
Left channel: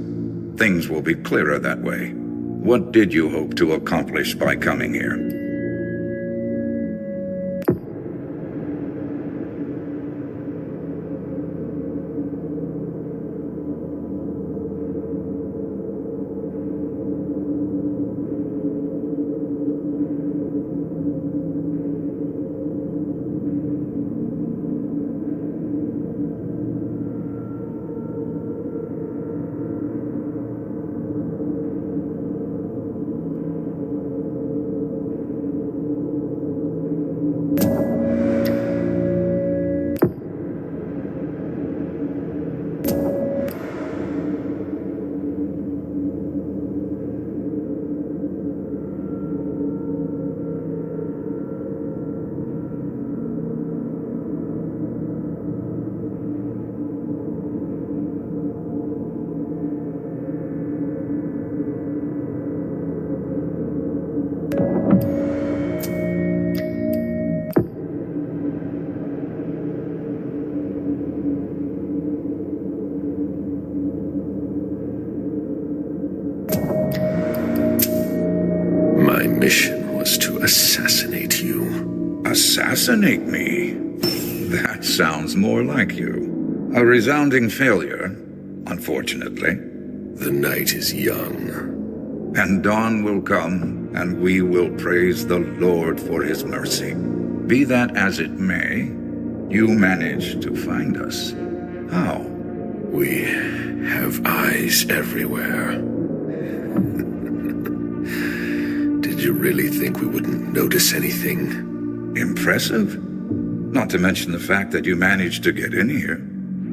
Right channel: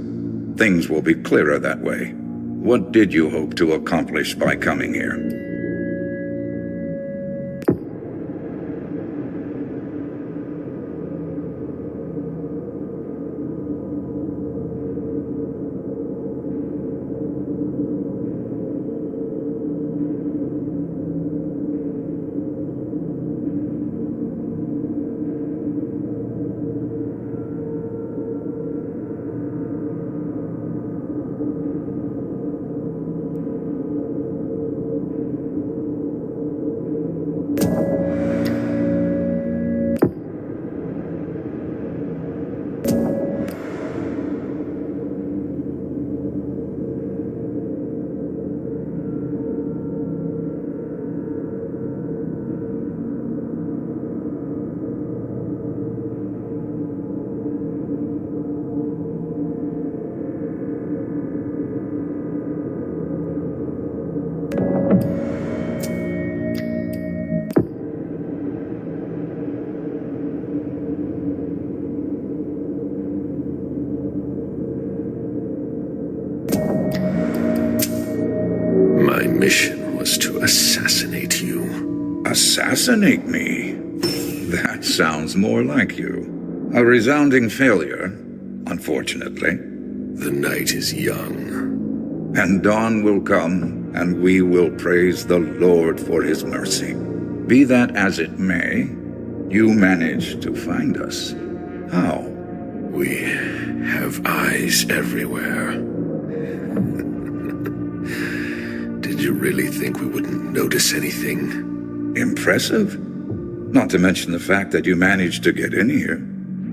Things will be clearer that way. What did you hope to accomplish by coming here? My mission was to assassinate you. Assassinate me? That sounds more like you. A resounding failure, unfortunately. The night is young. And dawn will come, and we will praise the Lord for his mercy. Be that as it may, you managed to find us. How? We have eyes everywhere. Did you really think we wouldn't notice anything? Impressive. Not to mention the fact that you managed to get in here.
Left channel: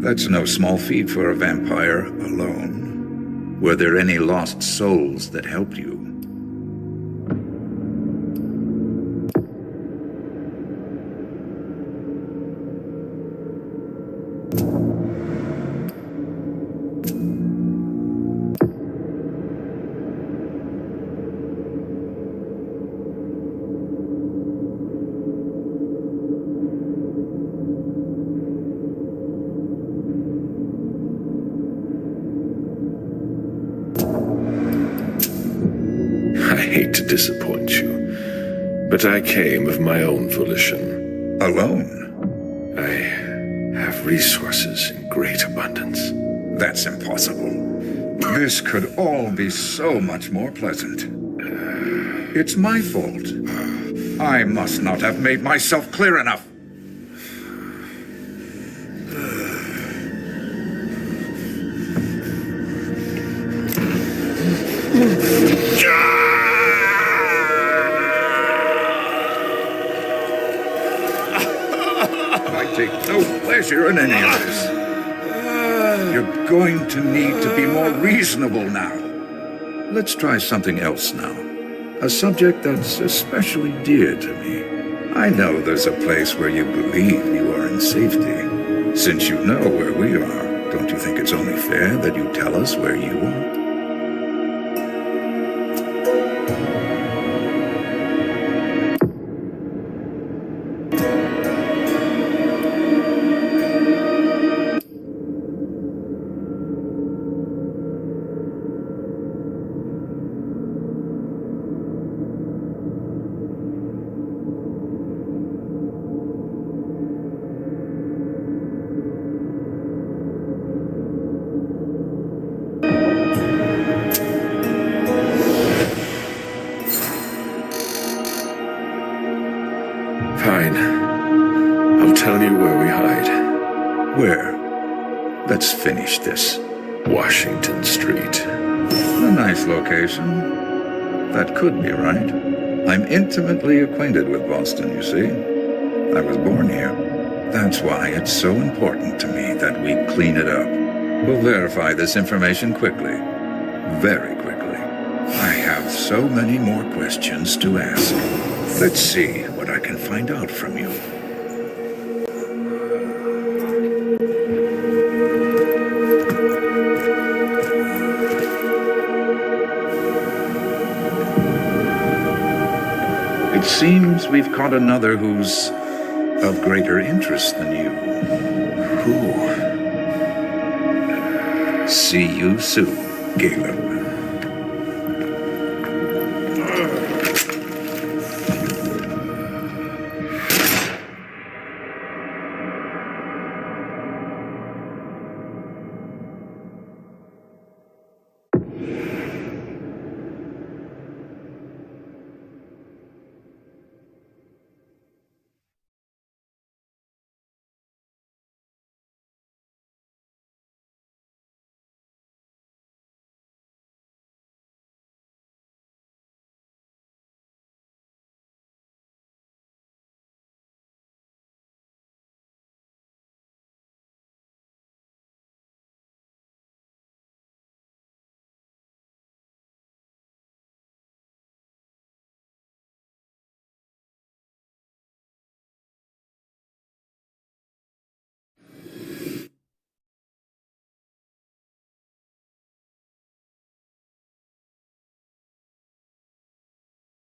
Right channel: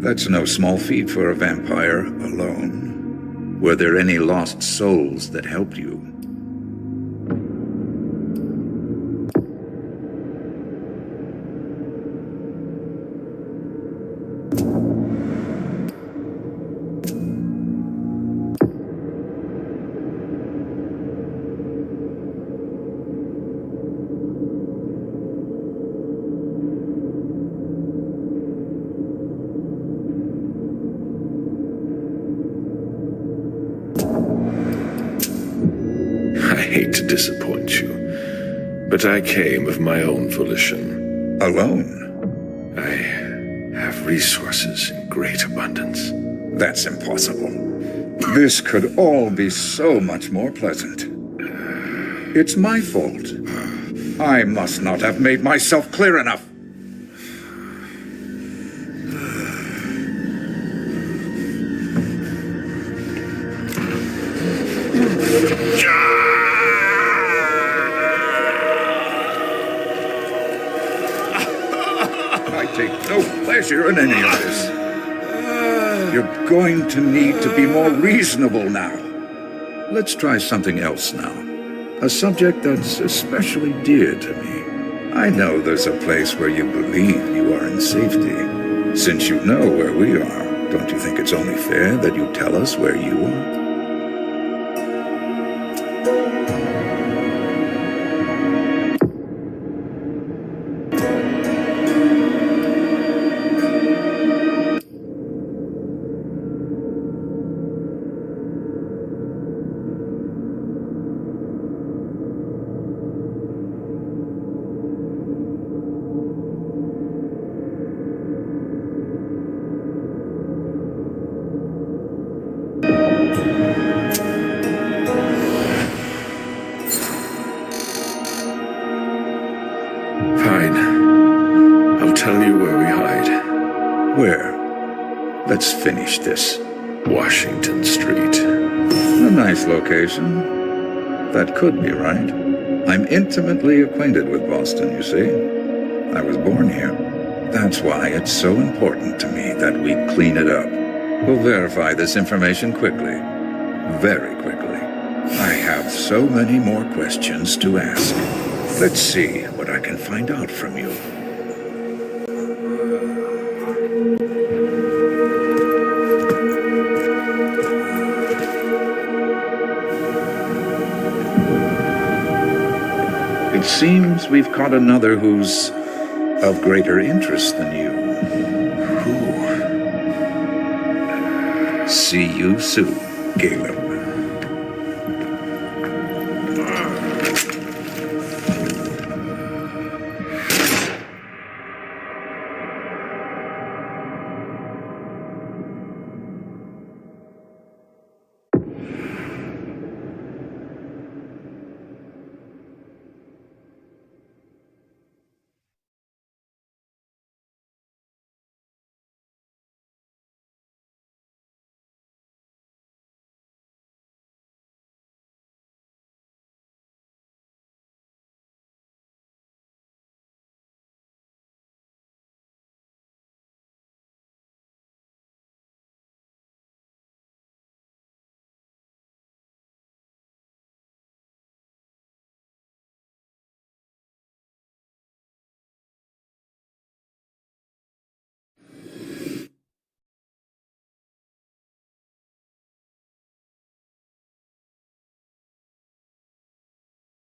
That's no small feat for a vampire alone. Were there any lost souls that helped you? I hate to disappoint you, but I came of my own volition. Alone? I have resources in great abundance. That's impossible. This could all be so much more pleasant. It's my fault. I must not have made myself clear enough. I take no pleasure in any of this. You're going to need to be more reasonable now. Let's try something else now. A subject that's especially dear to me. I know there's a place where you believe you are in safety. Since you know where we are, don't you think it's only fair that you tell us where you are? tell you where we hide. Where? Let's finish this. Washington Street. A nice location. That could be right. I'm intimately acquainted with Boston, you see. I was born here. That's why it's so important to me that we clean it up. We'll verify this information quickly. Very quickly. I have so many more questions to ask. Let's see what I can find out from you. It seems we've caught another who's of greater interest than you. Who? See you soon, Caleb.